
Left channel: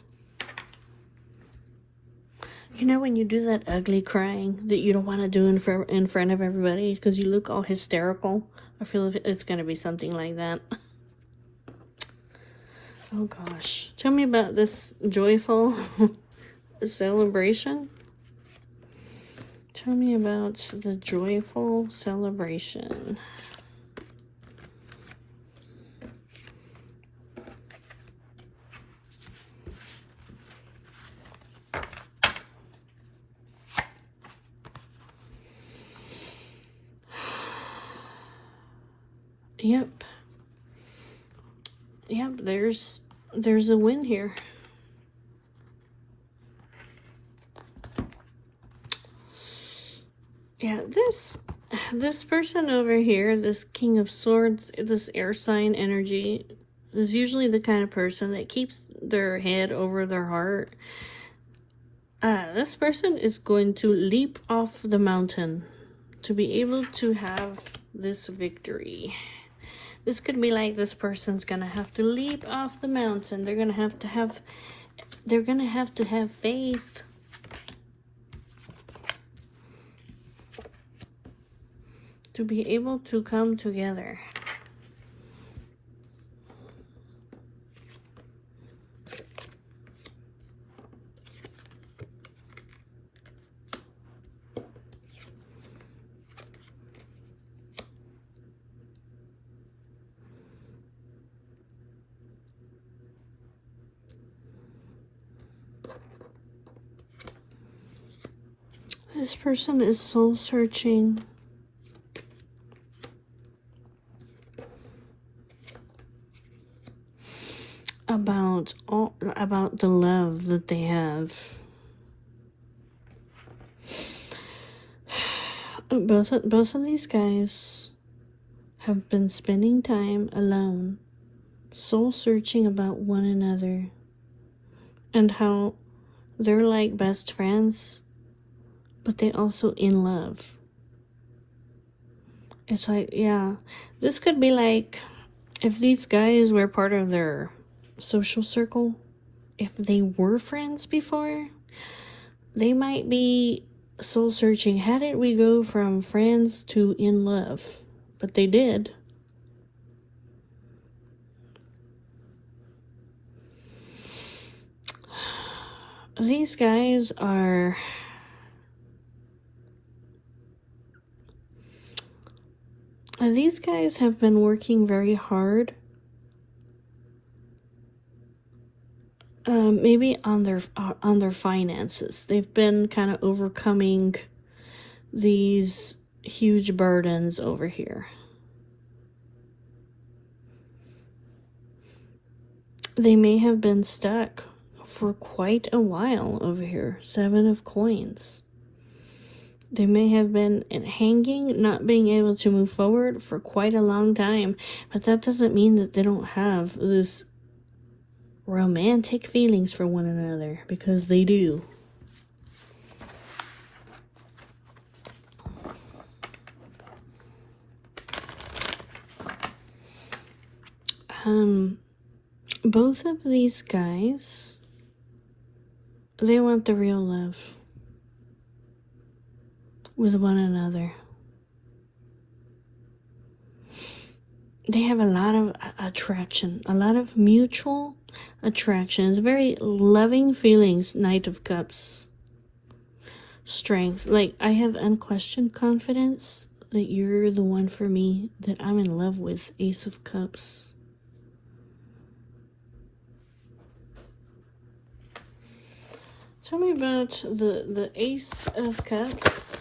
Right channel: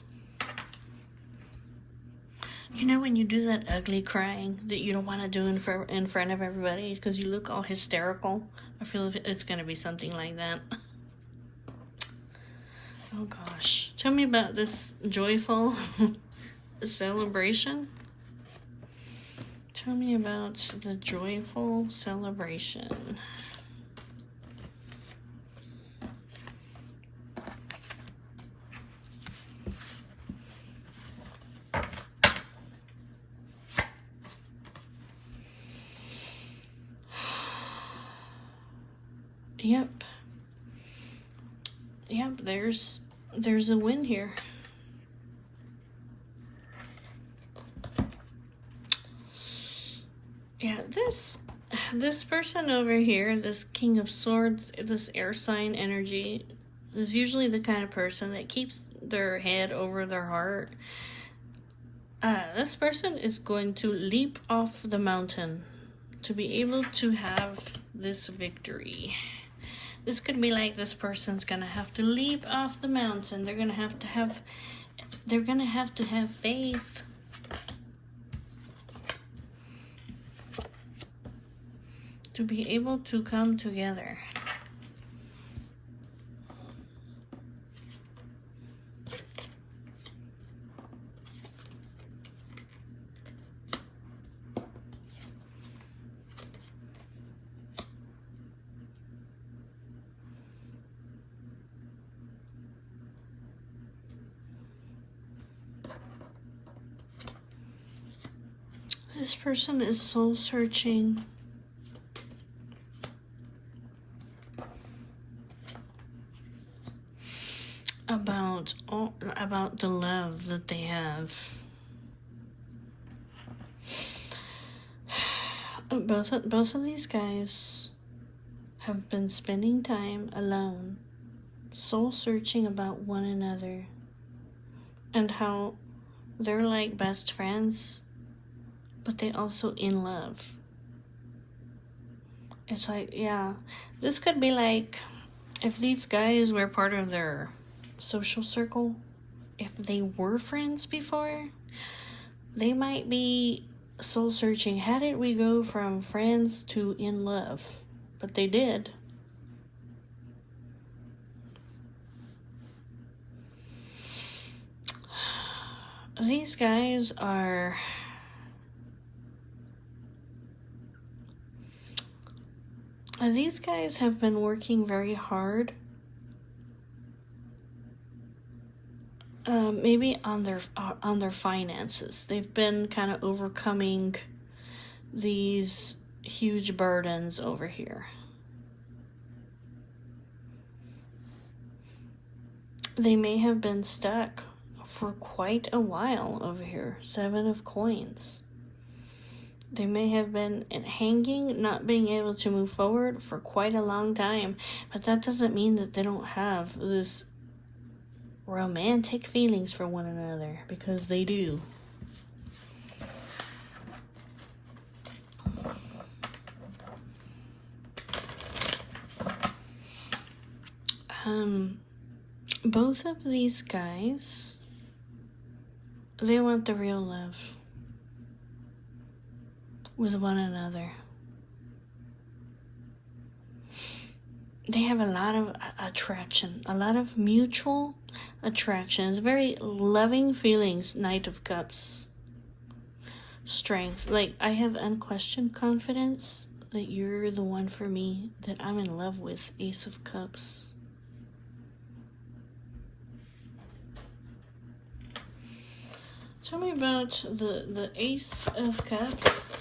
You know when you do that ugly crying that you don't want to do in front of everybody because you look all hysterical? I feel it's going to be something like that. Oh gosh. Tell me about this joyful celebration. Tell me about the joyful celebration. Yep, there's a win here. Yeah, this person over here, this King of Swords, this air sign energy, is usually the kind of person that keeps their head over their heart. This person is going to leap off the mountain to be able to have this victory. This could be like this person's gonna have to leap off the mountain. They're gonna have to have faith. To be able to come together. This person is soul searching about the love that they have. Both of these guys have been spending time alone, soul searching about one another, and how they're like best friends, but they also in love. It's like, yeah, this could be like if these guys were part of their social circle, if they were friends before, they might be soul searching. How did we go from friends to in love? But they did. These guys are these guys have been working very hard, maybe on their finances. They've been kind of overcoming these huge burdens over here. They may have been stuck for quite a while over here. 7 of Coins. They may have been hanging, not being able to move forward for quite a long time, but that doesn't mean that they don't have this romantic feelings for one another, because they do. Both of these guys, they want the real love with one another. They have a lot of attraction, a lot of mutual attraction. It's very loving feelings. Knight of Cups. Strength. Like, I have unquestioned confidence that you're the one for me, that I'm in love with. Ace of Cups. Tell me about the Ace of Cups.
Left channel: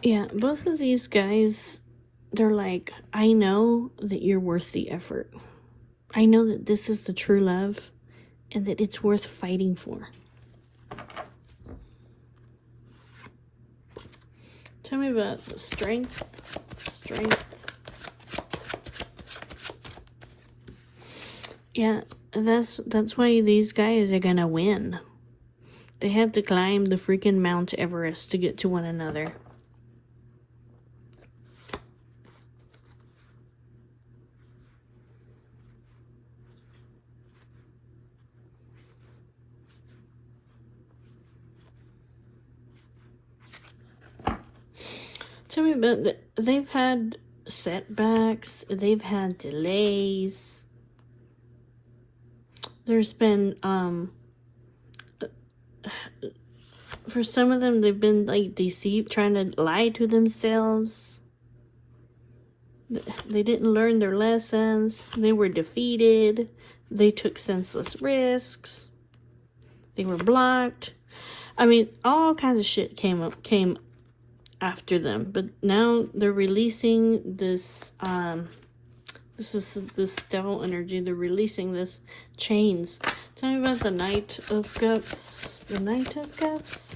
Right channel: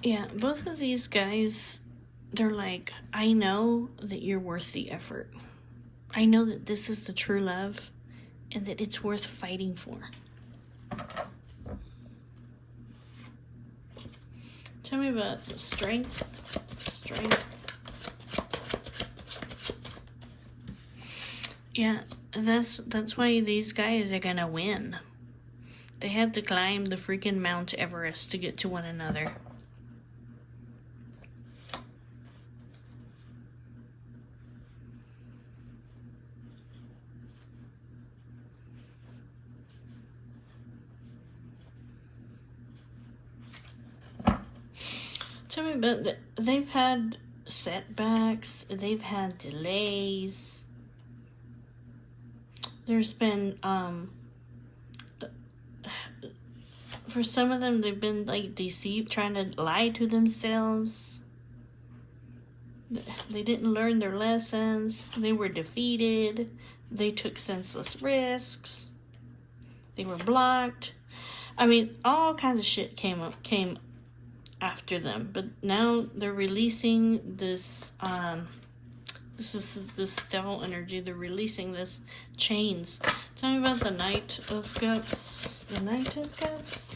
Yeah, both of these guys, they're like, I know that you're worth the effort. I know that this is the true love and that it's worth fighting for. Tell me about the strength. Yeah, that's why these guys are gonna win. They have to climb the freaking Mount Everest to get to one another. Tell me about they've had setbacks, they've had delays. There's been, for some of them, they've been like deceived, trying to lie to themselves. They didn't learn their lessons. They were defeated. They took senseless risks. They were blocked. I mean, all kinds of shit came after them. But now they're releasing this, this devil energy. They're releasing this chains. Tell me about the Knight of Cups. The Knight of Cups.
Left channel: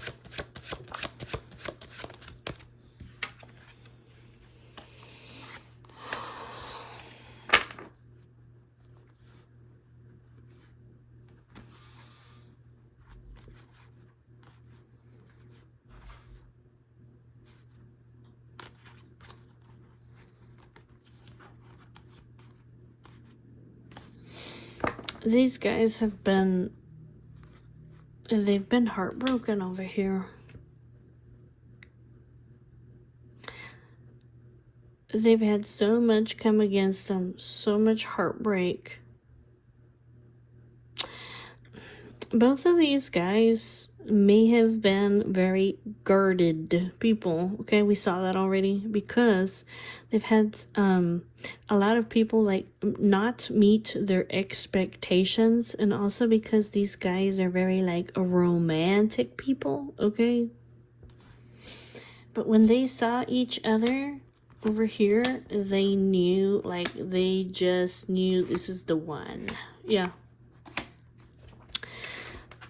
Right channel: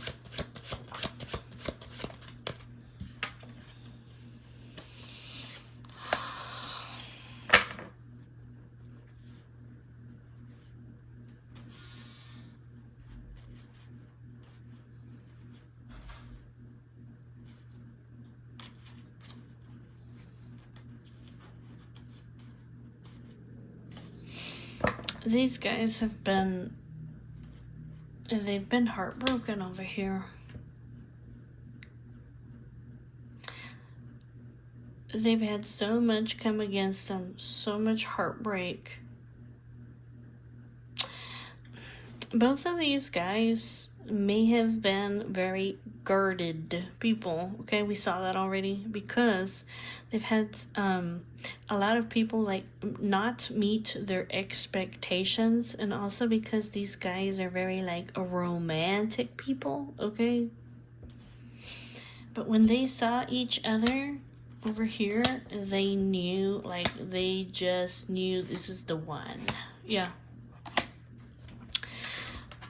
These guys have been, they've been heartbroken over here. They've had so much come against them, so much heartbreak. Both of these guys may have been very guarded people. Okay, we saw that already, because they've had a lot of people like not meet their expectations, and also because these guys are very like romantic people. Okay, but when they saw each other over here, they knew, like they just knew this is the one. Yeah.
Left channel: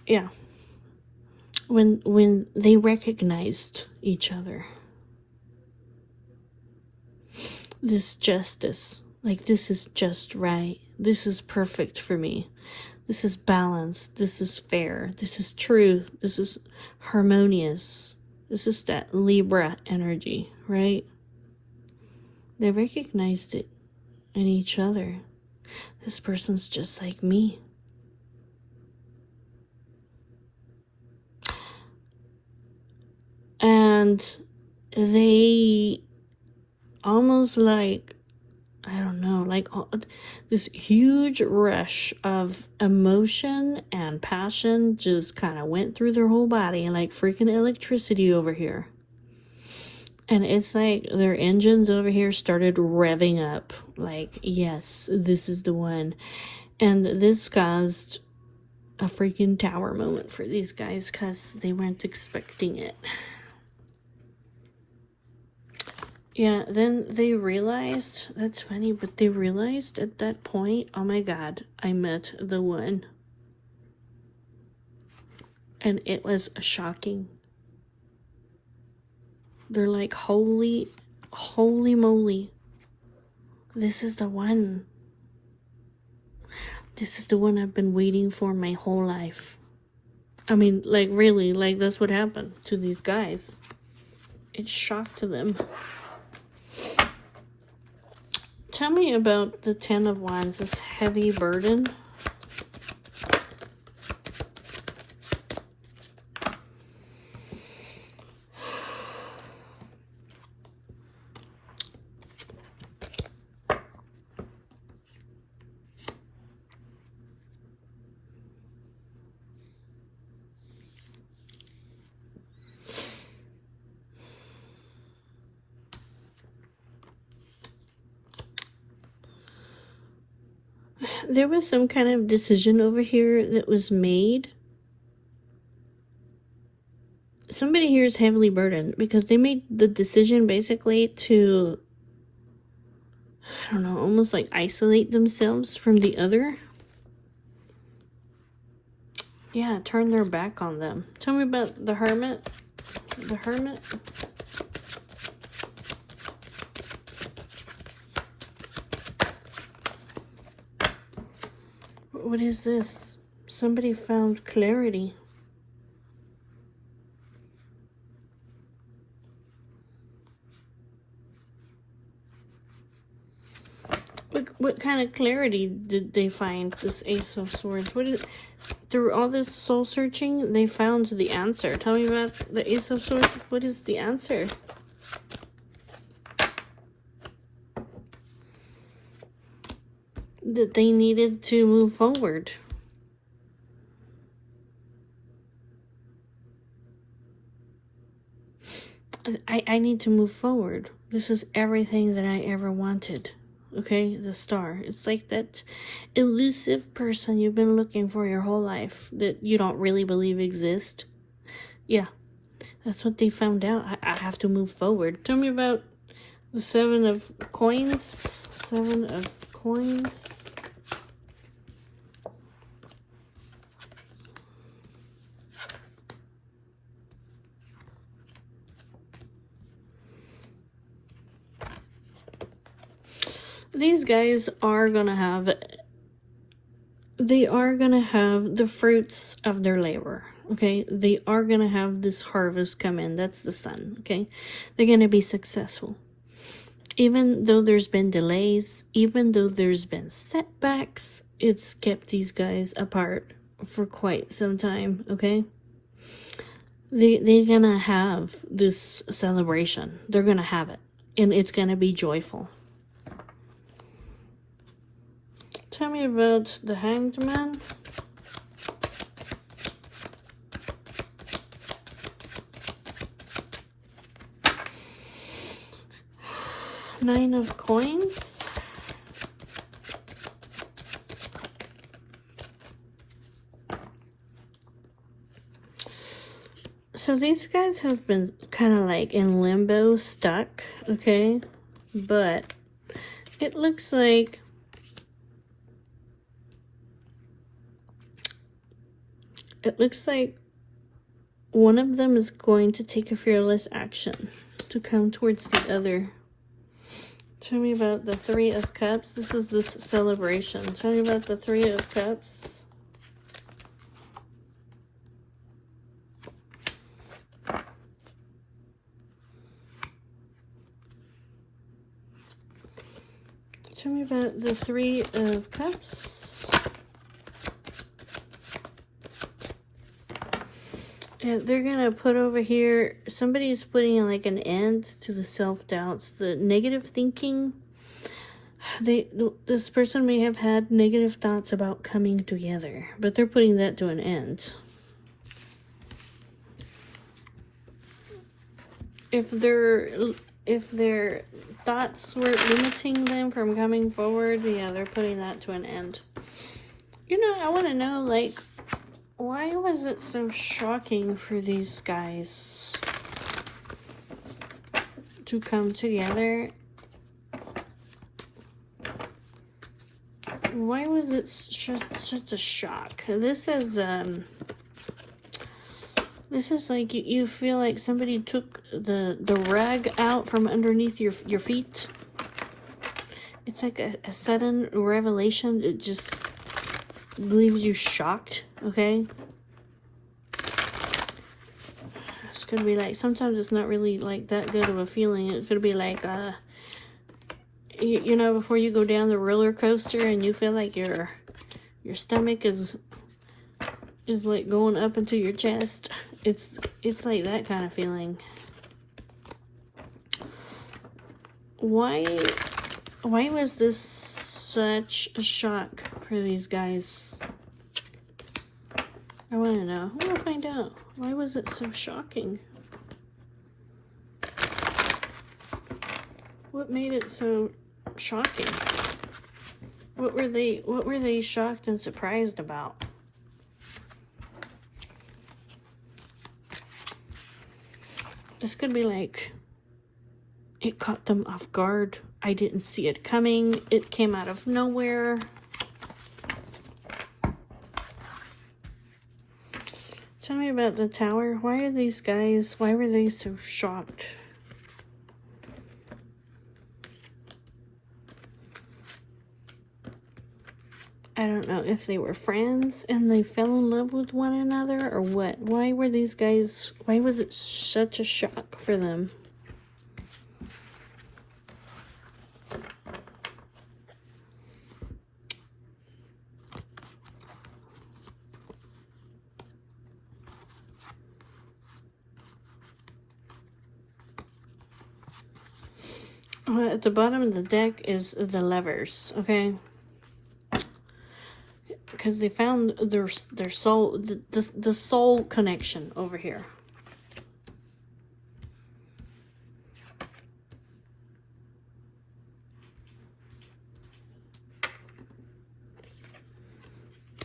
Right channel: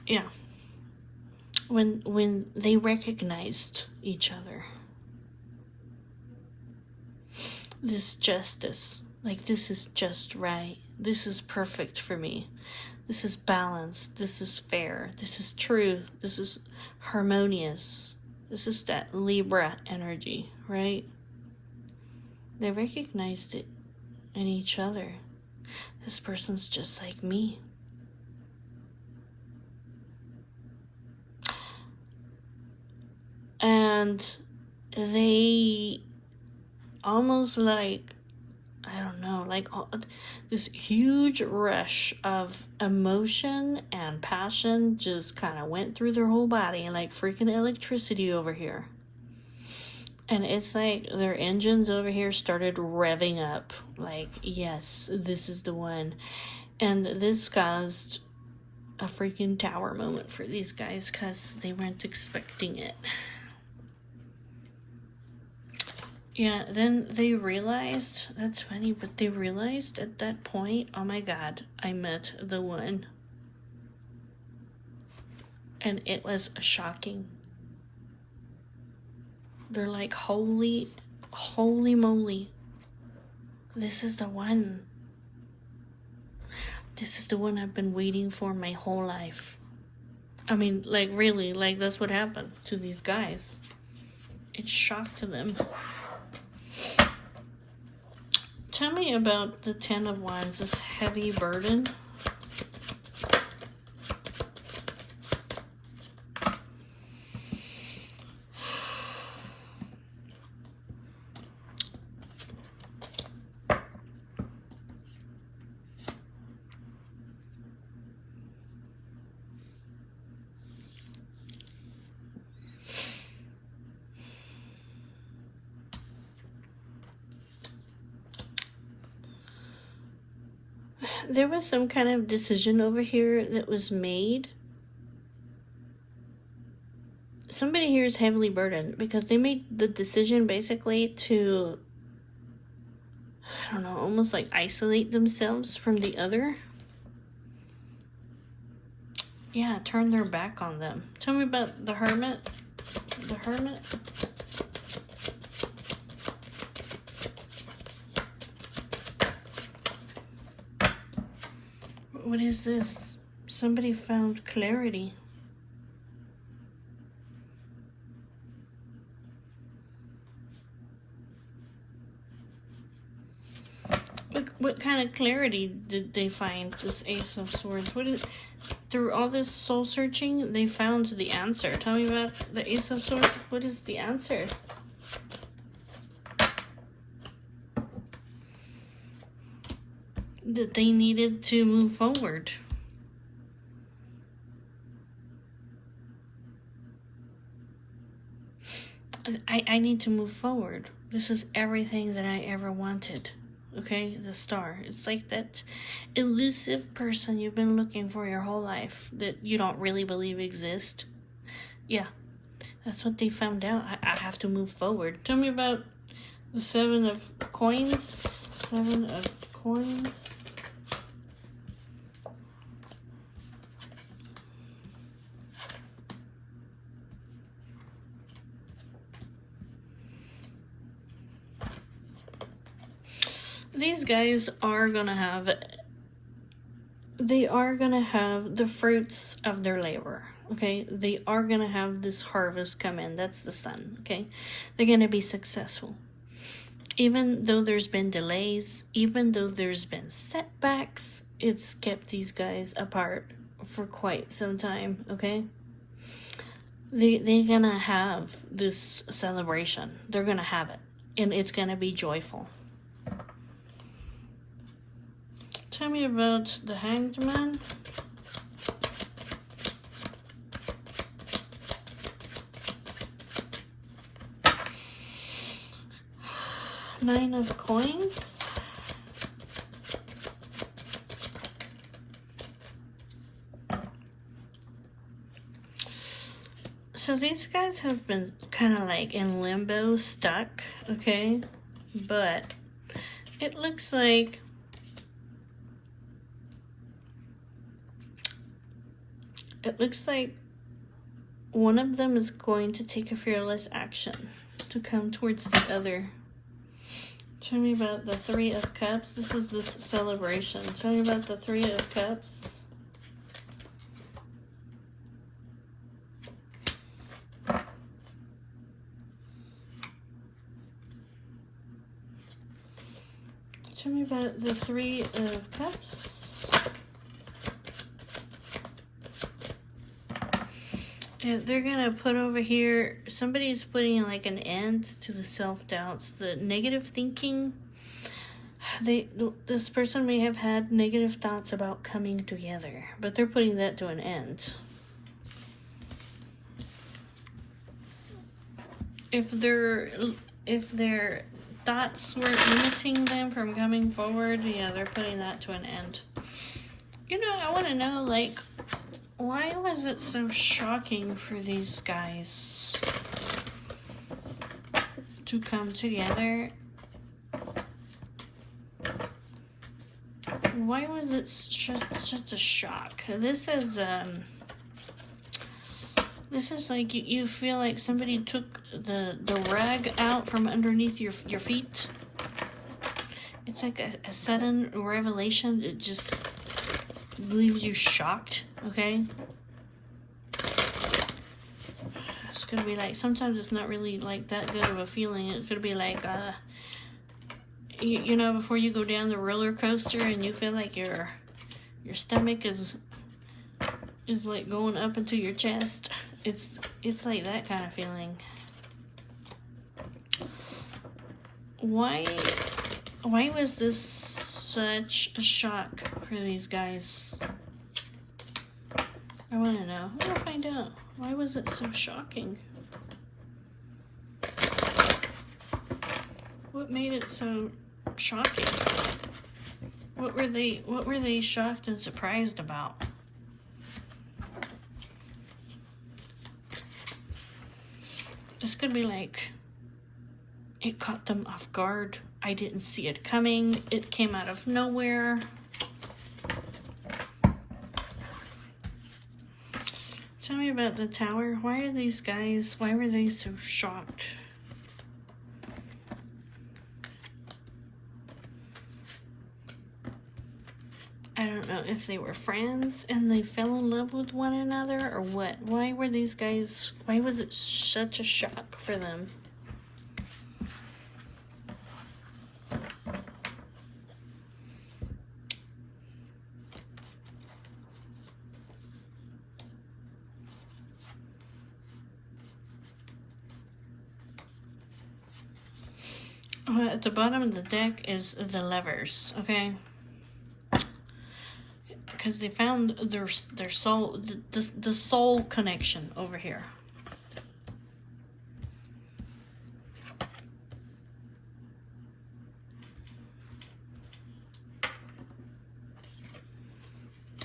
Yeah. When they recognized each other, this justice, like this is just right, this is perfect for me, this is balanced, this is fair, this is true, this is harmonious, this is that Libra energy, right? They recognized it in each other. This person's just like me. And they almost like, I don't know, like this huge rush of emotion and passion just kind of went through their whole body like freaking electricity over here. And it's like their engines over here started revving up. Like, yes, this is the one. And this caused a freaking tower moment for these guys because they weren't expecting it. Yeah, then they realized, that's funny, but they realized at that point, oh my god, I met the one. And it was shocking. They're like, holy moly. This is the one. This is the one I've been waiting for my whole life. I mean, like really, like that's what happened to these guys. It shocked them. Tell me about the Ten of Wands, this heavy burden. There was some kind of decision over here that was made. Somebody here is heavily burdened because they made the decision basically to, I don't know, almost like isolate themselves from the other. Yeah, turn their back on them. Tell me about the Hermit. The Hermit. What is this? Somebody found clarity. What kind of clarity did they find, this Ace of Swords? What is, through all this soul searching, they found the answer. Tell me about the Ace of Swords. What is the answer? That they needed to move forward. I need to move forward. This is everything that I ever wanted. Okay, the Star. It's like that elusive person you've been looking for your whole life that you don't really believe exists. Yeah, that's what they found out. I have to move forward. Tell me about the Seven of Coins. Seven of Coins. These guys are gonna have, they are gonna have the fruits of their labor, okay? They are gonna have this harvest come in. That's the Sun, okay? They're gonna be successful. Even though there's been delays, even though there's been setbacks, it's kept these guys apart for quite some time, okay? They're gonna have this celebration. They're gonna have it, and it's gonna be joyful. Tell me about the Hanged Man. 9 of coins. So these guys have been kind of like in limbo, stuck, okay? But it looks like one of them is going to take a fearless action to come towards the other. Tell me about the 3 of Cups. This is this celebration. Tell me about the 3 of Cups. Tell me about the 3 of Cups. And they're gonna put over here, somebody's putting like an end to the self-doubts, the negative thinking. This person may have had negative thoughts about coming together, but they're putting that to an end. If their thoughts were limiting them from coming forward, yeah, they're putting that to an end. You know, I want to know, like, why was it so shocking for these guys to come together? Why was it such a shock? This is like you feel like somebody took the rag out from underneath your feet. It's like a sudden revelation. It just leaves you shocked, okay? It's gonna be like, sometimes it's not really like that good of a feeling. It could be like, you know, before you go down the roller coaster and you feel like your stomach is like going up into your chest. It's like that kind of feeling. Why was this such a shock for these guys? I want to know. I want to find out. Why was it so shocking? What made it so shocking? What were they shocked and surprised about? It's gonna be like, it caught them off guard. I didn't see it coming. It came out of nowhere. Tell me about the Tower. Why were they so shocked? I don't know if they were friends and they fell in love with one another or what. Why was it such a shock for them? At the bottom of the deck is the Lovers, okay? Because they found their soul, the soul connection over here.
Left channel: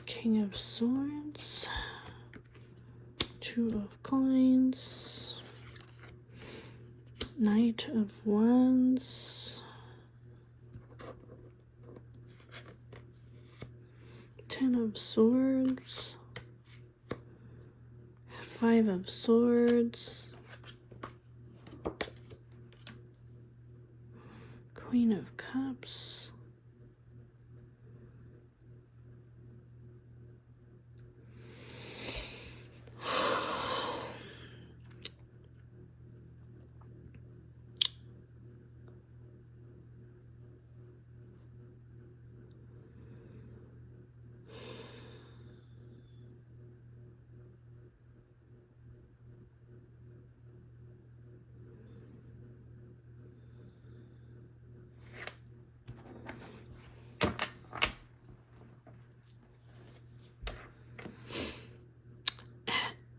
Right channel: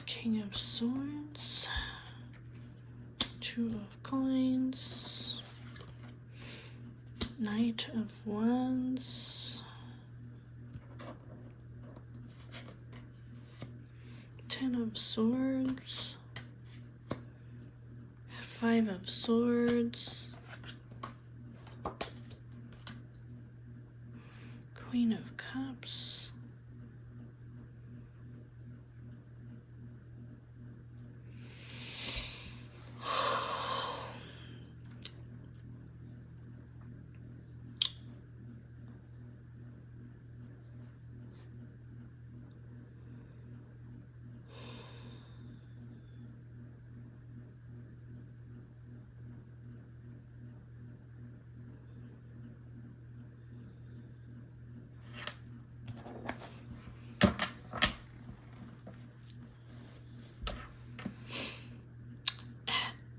King of Swords, 2 of Coins, Knight of Wands, 10 of Swords, 5 of Swords, Queen of Cups,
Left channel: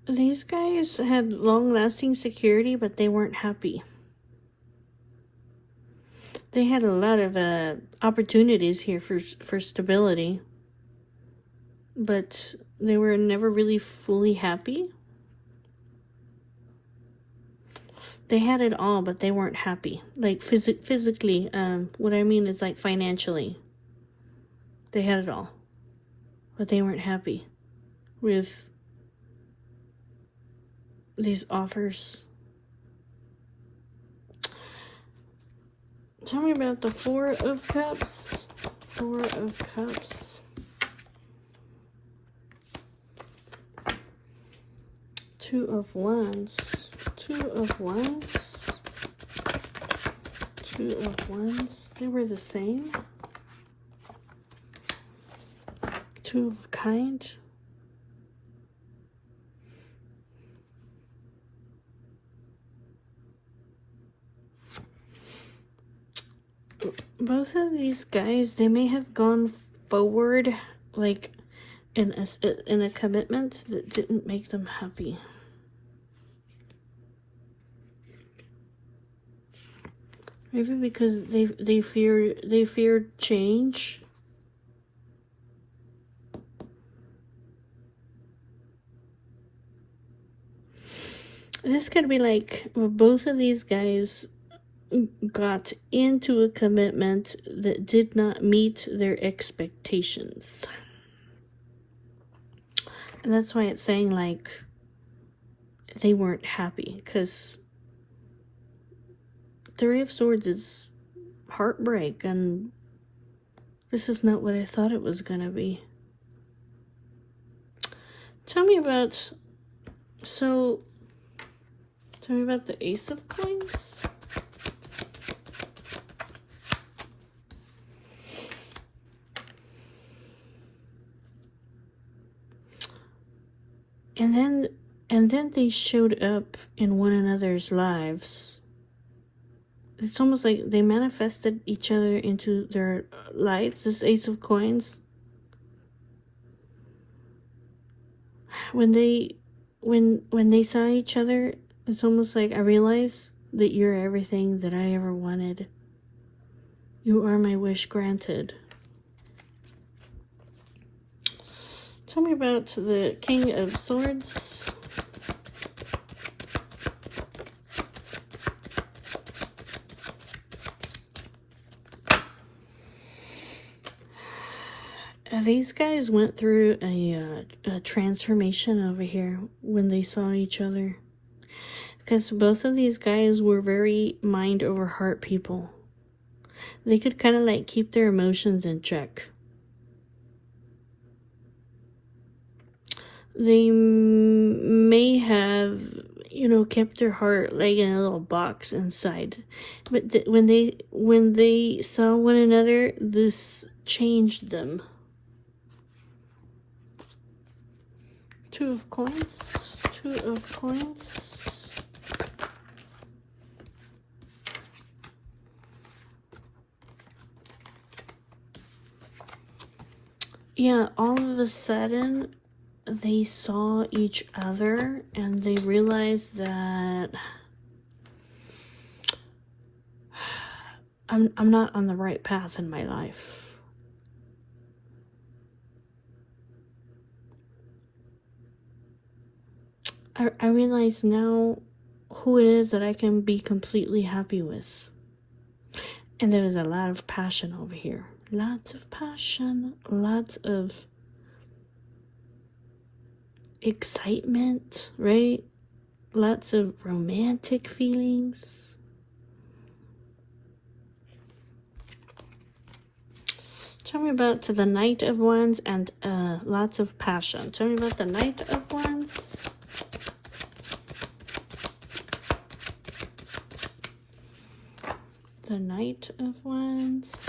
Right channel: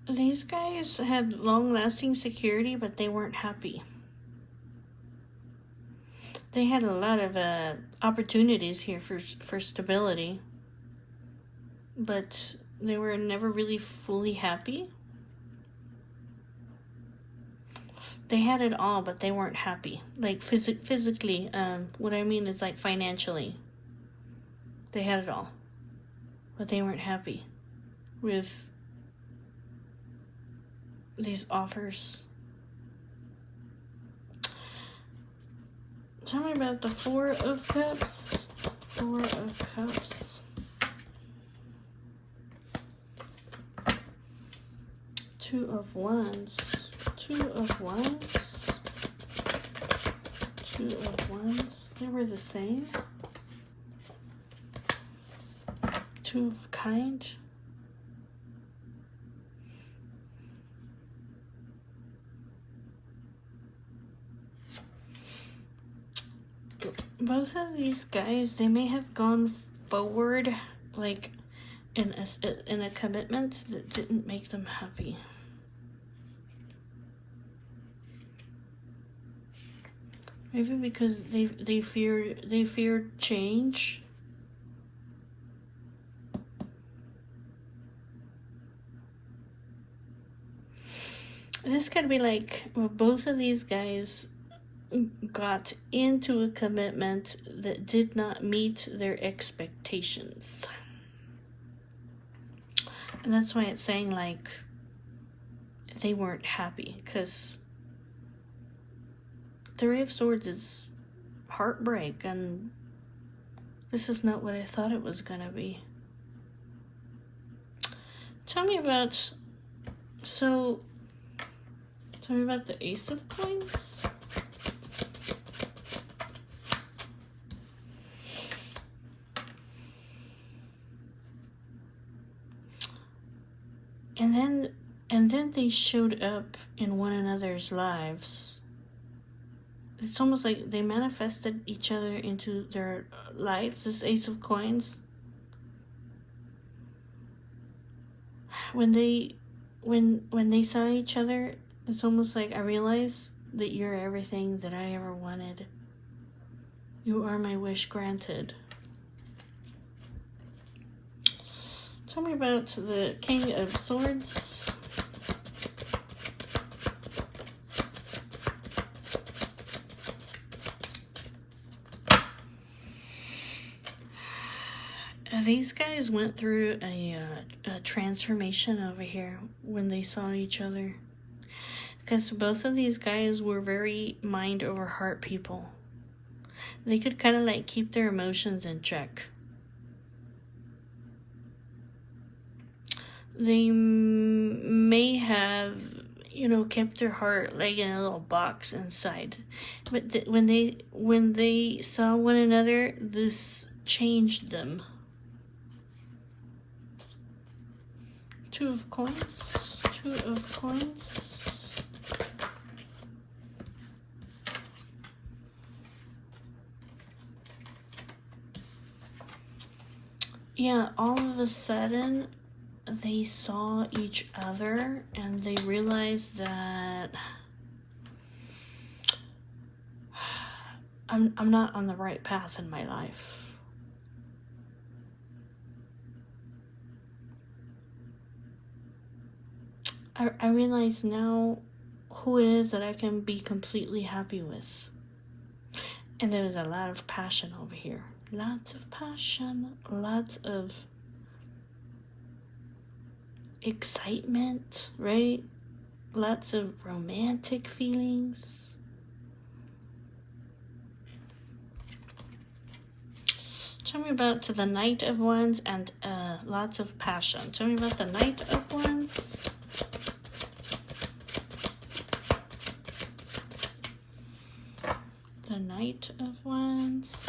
These guys had long-lasting security, but they weren't happy. They had a lot of opportunities here for stability, but they were never really fully happy. They had it all, but they weren't happy. Like physically, what I mean is like financially. They had it all, but they weren't happy with these offers. Tell me about the Four of Cups. Four of Cups. Two of Wands. Two of Wands. Two of Wands. They were the same. Two of Kind. Both of these guys, they may have gone forward like in a commitment that didn't make them happy. Maybe because they feared change. This could be like both of these guys got into a commitment that did not meet their expectations. And that's why it's saying like they weren't happy, because Three of Swords is heartbreak, and this is not what I thought it was gonna be. Tell me about the Ace of Coins. And then they showed up in one another's lives. It's almost like they manifested each other into their lives, this Ace of Coins. When they saw each other, it's almost like, I realized that you're everything that I ever wanted. You are my wish granted. Tell me about the King of Swords. These guys went through a transformation over here when they saw each other. Because both of these guys were very mind over heart people. They could kind of like keep their emotions in check. They may have, kept their heart like in a little box inside. But when they saw one another, this changed them. Two of Coins. Two of Coins. Yeah, all of a sudden they saw each other and they realized that I'm not on the right path in my life. I realize now who it is that I can be completely happy with. And there is a lot of passion over here. Lots of passion, lots of excitement, right? Lots of romantic feelings. Tell me about the Knight of Wands and lots of passion. Tell me about the Knight of Wands. The Knight of Wands.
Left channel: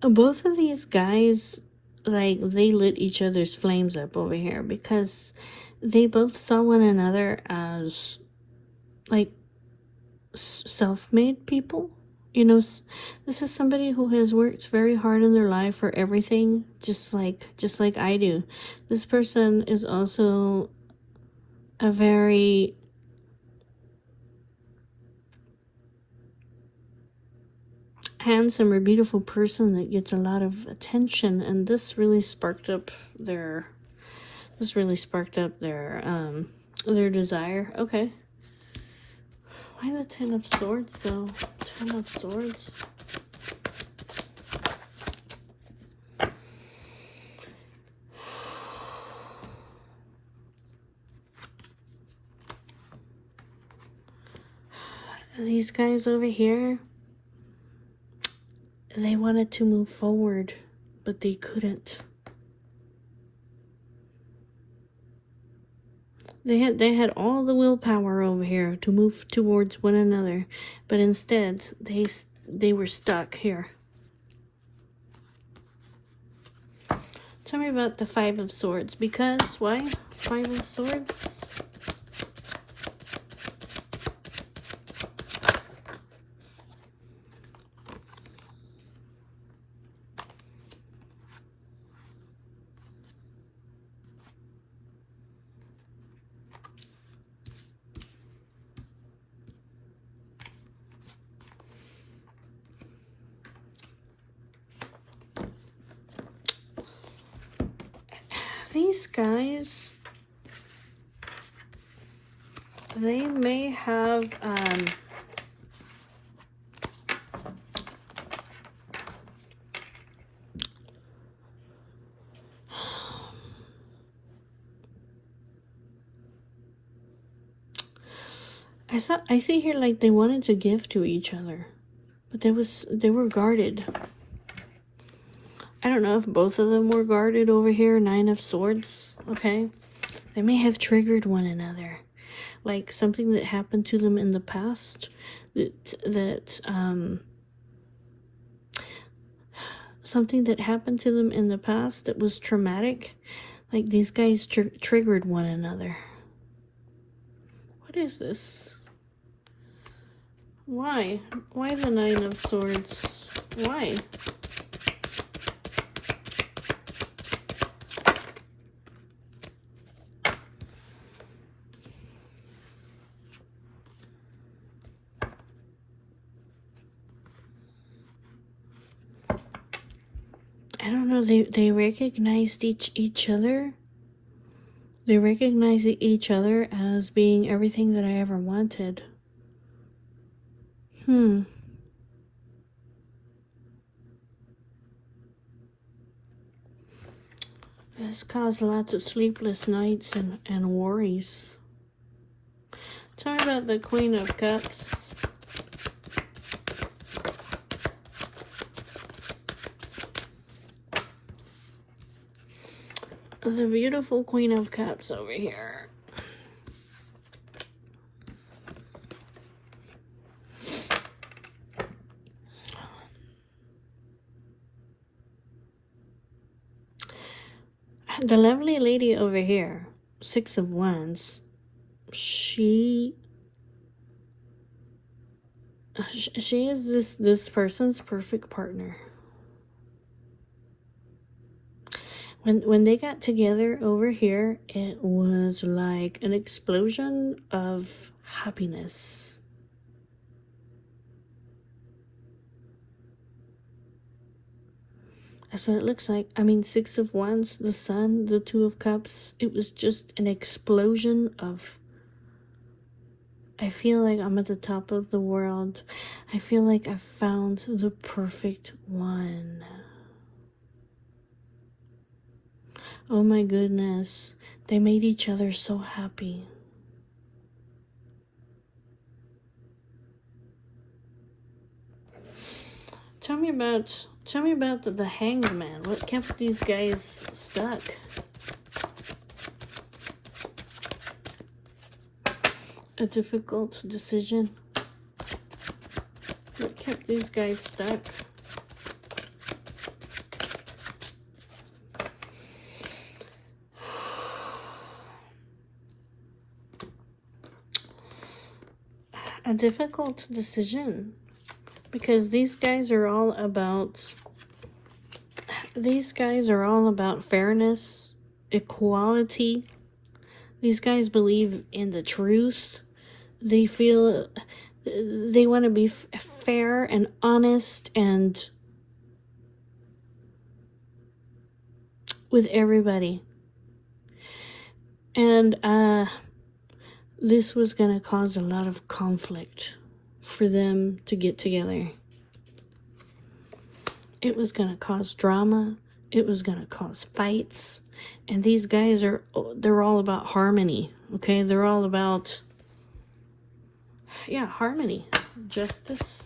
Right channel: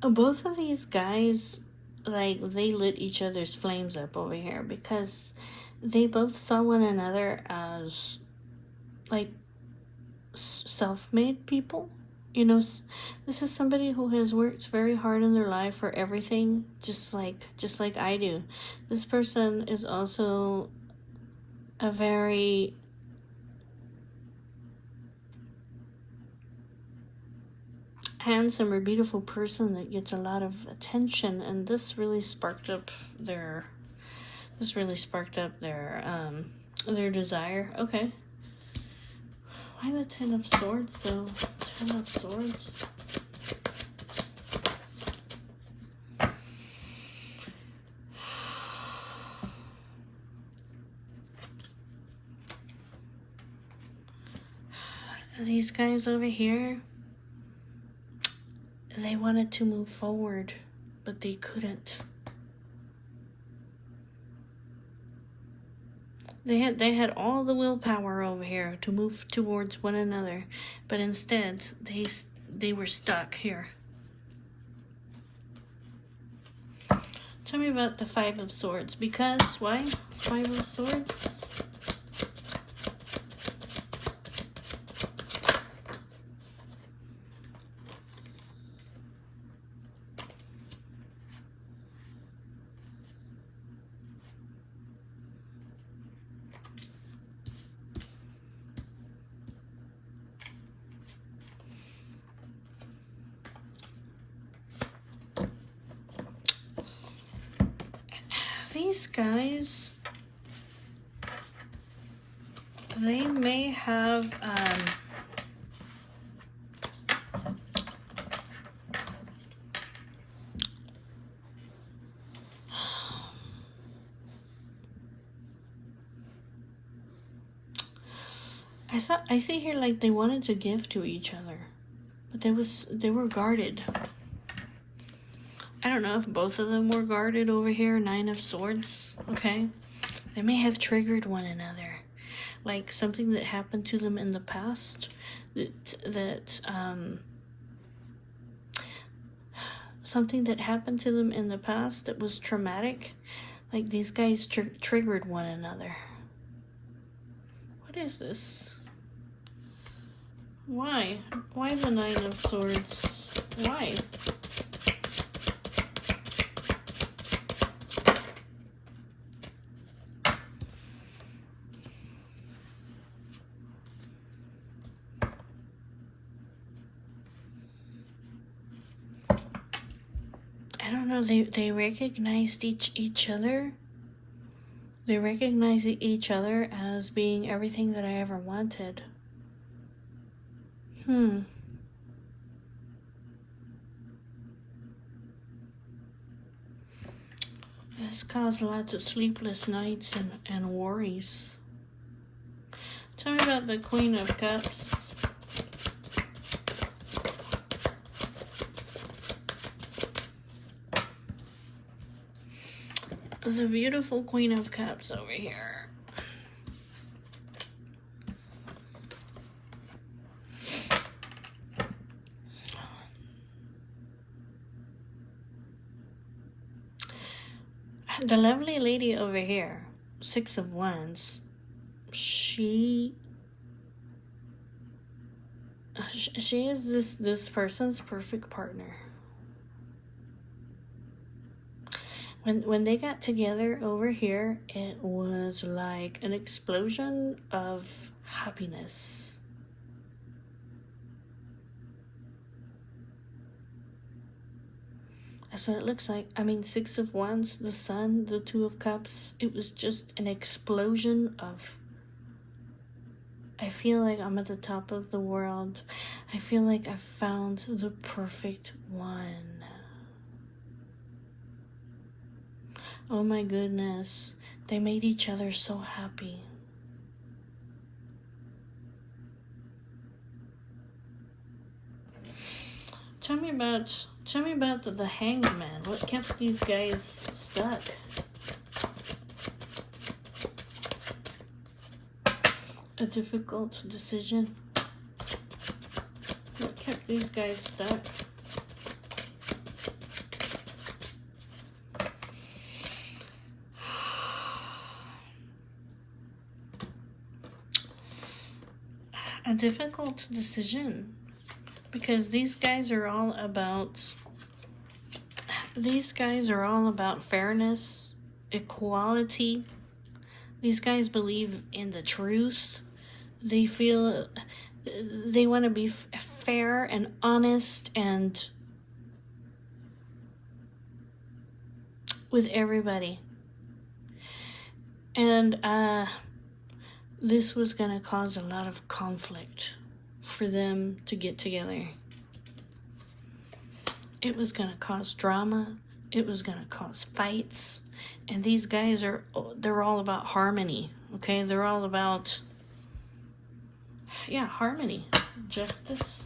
Both of these guys like they lit each other's flames up over here because they both saw one another as like self-made people. You know, this is somebody who has worked very hard in their life for everything, just like I do. This person is also a very handsome or beautiful person that gets a lot of attention, and this really sparked up their their desire. Okay. Why the Ten of Swords though? Ten of Swords. These guys over here, they wanted to move forward, but they couldn't. They had all the willpower over here to move towards one another, but instead they were stuck here. Tell me about the Five of Swords, because why? Five of Swords. These guys, they may have I see here like they wanted to give to each other, but they were guarded. I don't know if both of them were guarded over here. Nine of Swords. Okay, they may have triggered one another, like something that happened to them in the past. Something that happened to them in the past that was traumatic. Like these guys triggered one another. What is this? Why? Why the Nine of Swords? Why? I don't know, they recognized each other. They recognized each other as being everything that I ever wanted. This caused lots of sleepless nights and worries. Tell me about the Queen of Cups. The beautiful Queen of Cups over here. The lovely lady over here, Six of Wands, she is this person's perfect partner. When they got together over here, it was like an explosion of happiness. That's what it looks like. I mean, Six of Wands, the Sun, the Two of Cups. It was just an explosion of... I feel like I'm at the top of the world. I feel like I found the perfect one. Oh my goodness. They made each other so happy. Tell me about the Hanged Man. What kept these guys stuck? A difficult decision. What kept these guys stuck? a difficult decision, because these guys are all about fairness, equality. These guys believe in the truth. They feel they want to be fair and honest and with everybody. And this was going to cause a lot of conflict for them to get together. It was going to cause drama. It was going to cause fights. And these guys they're all about harmony, okay? They're all about, harmony, justice.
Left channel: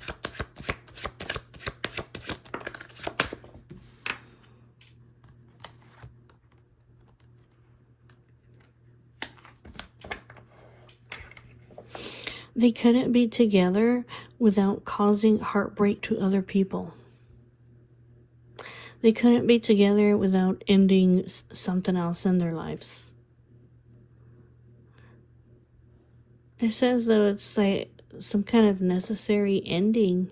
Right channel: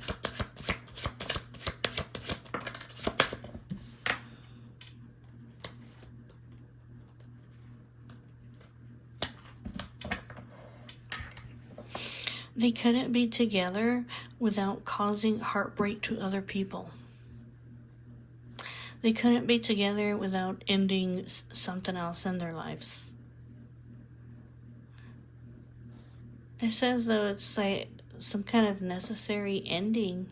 They couldn't be together without causing heartbreak to other people. They couldn't be together without ending something else in their lives. It says that it's like some kind of necessary ending.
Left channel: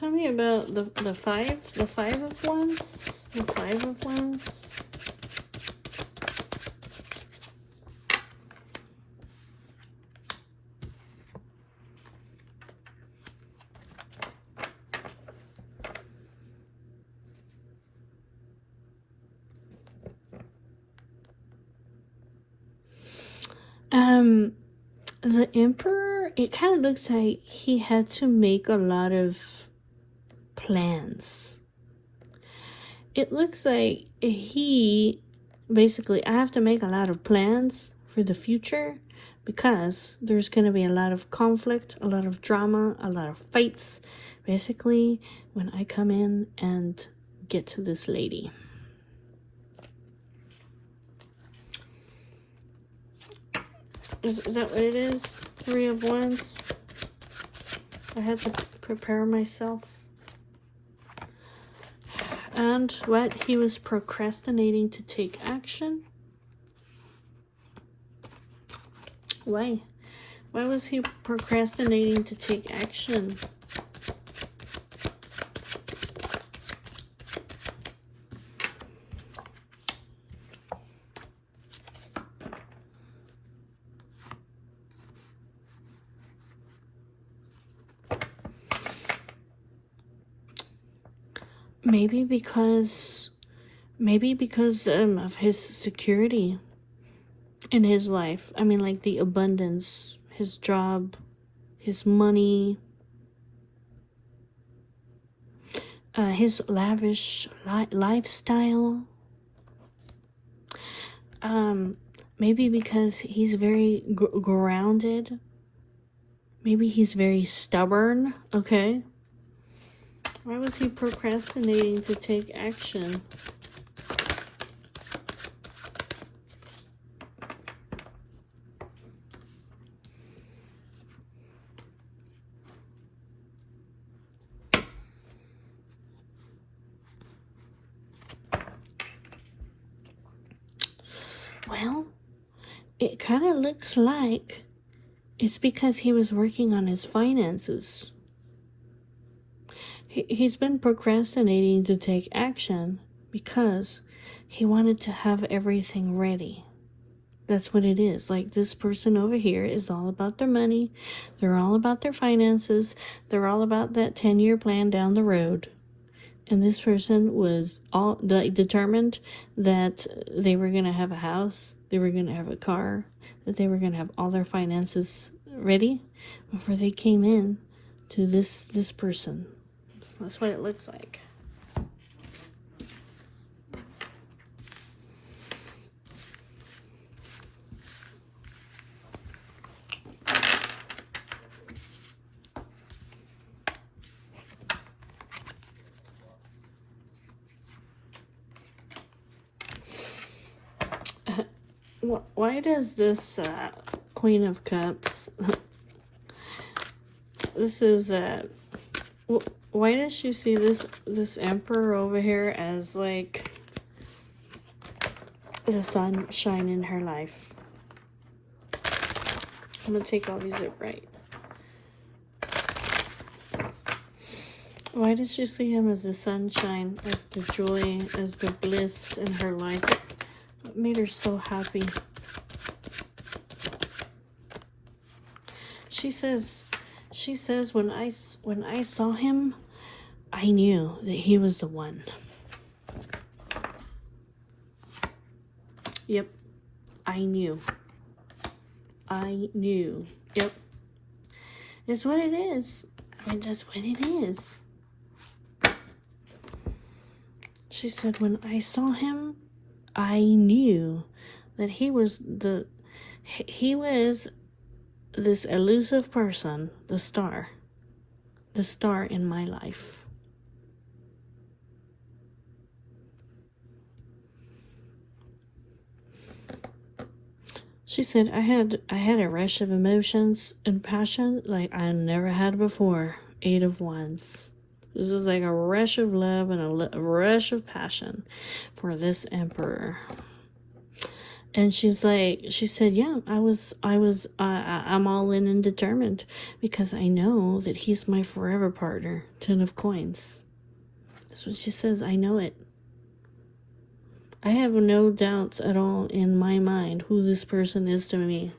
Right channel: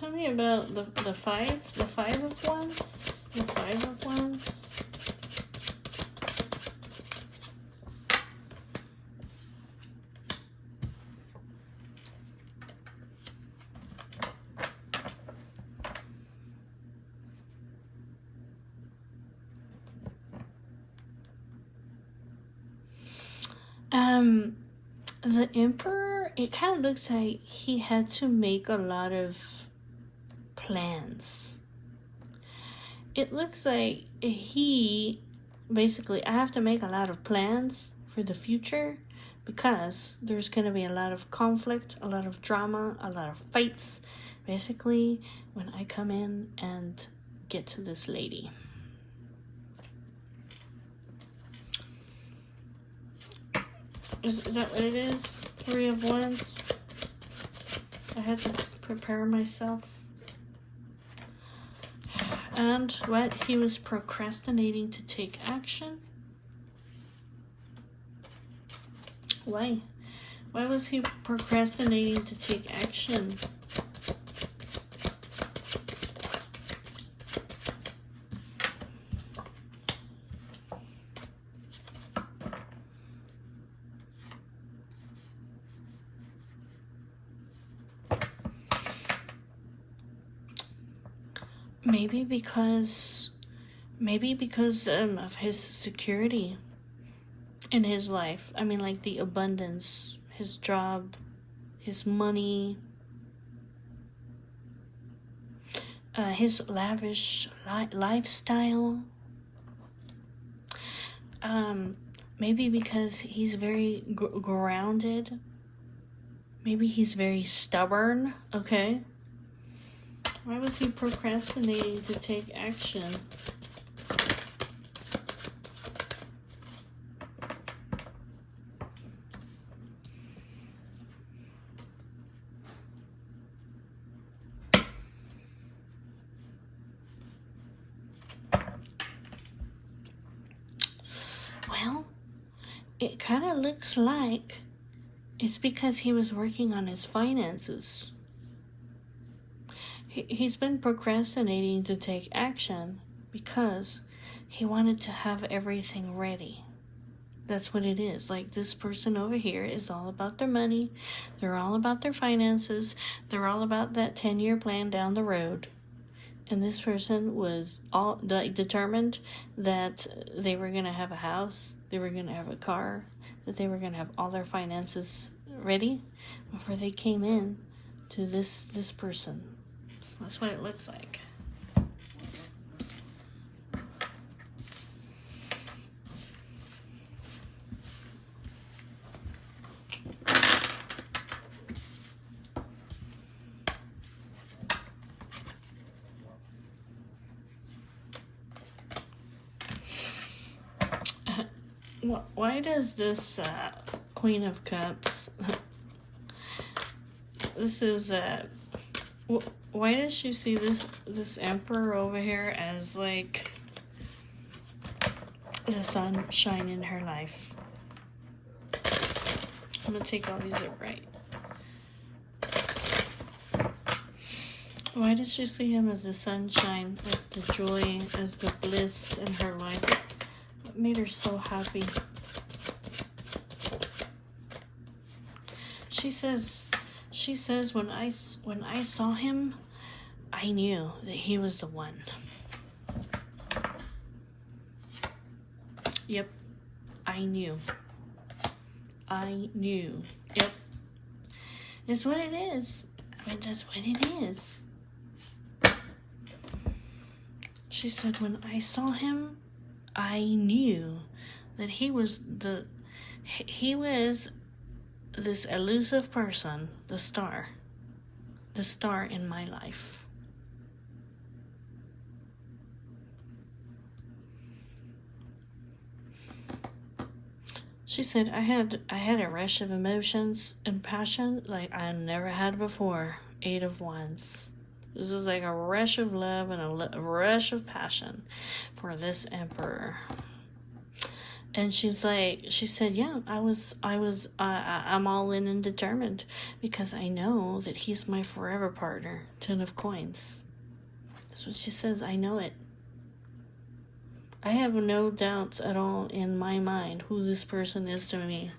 Tell me about the five of wands. The five of wands. The Emperor, it kind of looks like he had to make a lot of plans. It looks like he basically, I have to make a lot of plans for the future because there's going to be a lot of conflict, a lot of drama, a lot of fights, basically, when I come in and get to this lady. Is that what it is? Three of Wands. I had to prepare myself. And what? He was procrastinating to take action. Why? Why was he procrastinating to take action? Maybe because of his security in his life. I mean, like the abundance, his job, his money, his lavish lifestyle. Maybe because he's very grounded. Maybe he's very stubborn, okay? Why was he procrastinating to take action? Well, it kind of looks like it's because he was working on his finances. He's been procrastinating to take action because he wanted to have everything ready. That's what it is. Like this person over here is all about their money. They're all about their finances. They're all about that 10-year plan down the road. And this person was all determined that they were going to have a house, they were going to have a car, that they were going to have all their finances ready before they came in to this person. So that's what it looks like. Why does this Queen of Cups, this is, Why does she see this emperor over here as like the sunshine in her life? I'm gonna take all these upright. Why did she see him as the sunshine, as the joy, as the bliss in her life? What made her so happy? She says when I saw him, I knew that he was the one. Yep, I knew. Yep, it's what it is. I mean, that's what it is. She said, when I saw him, I knew that he was this elusive person, the star in my life. She said, I had a rush of emotions and passion like I never had before. 8 of Wands. This is like a rush of love and a rush of passion for this emperor. And she said, yeah, I'm all in and determined because I know that he's my forever partner. 10 of Coins. That's what she says. I know it. I have no doubts at all in my mind who this person is to me.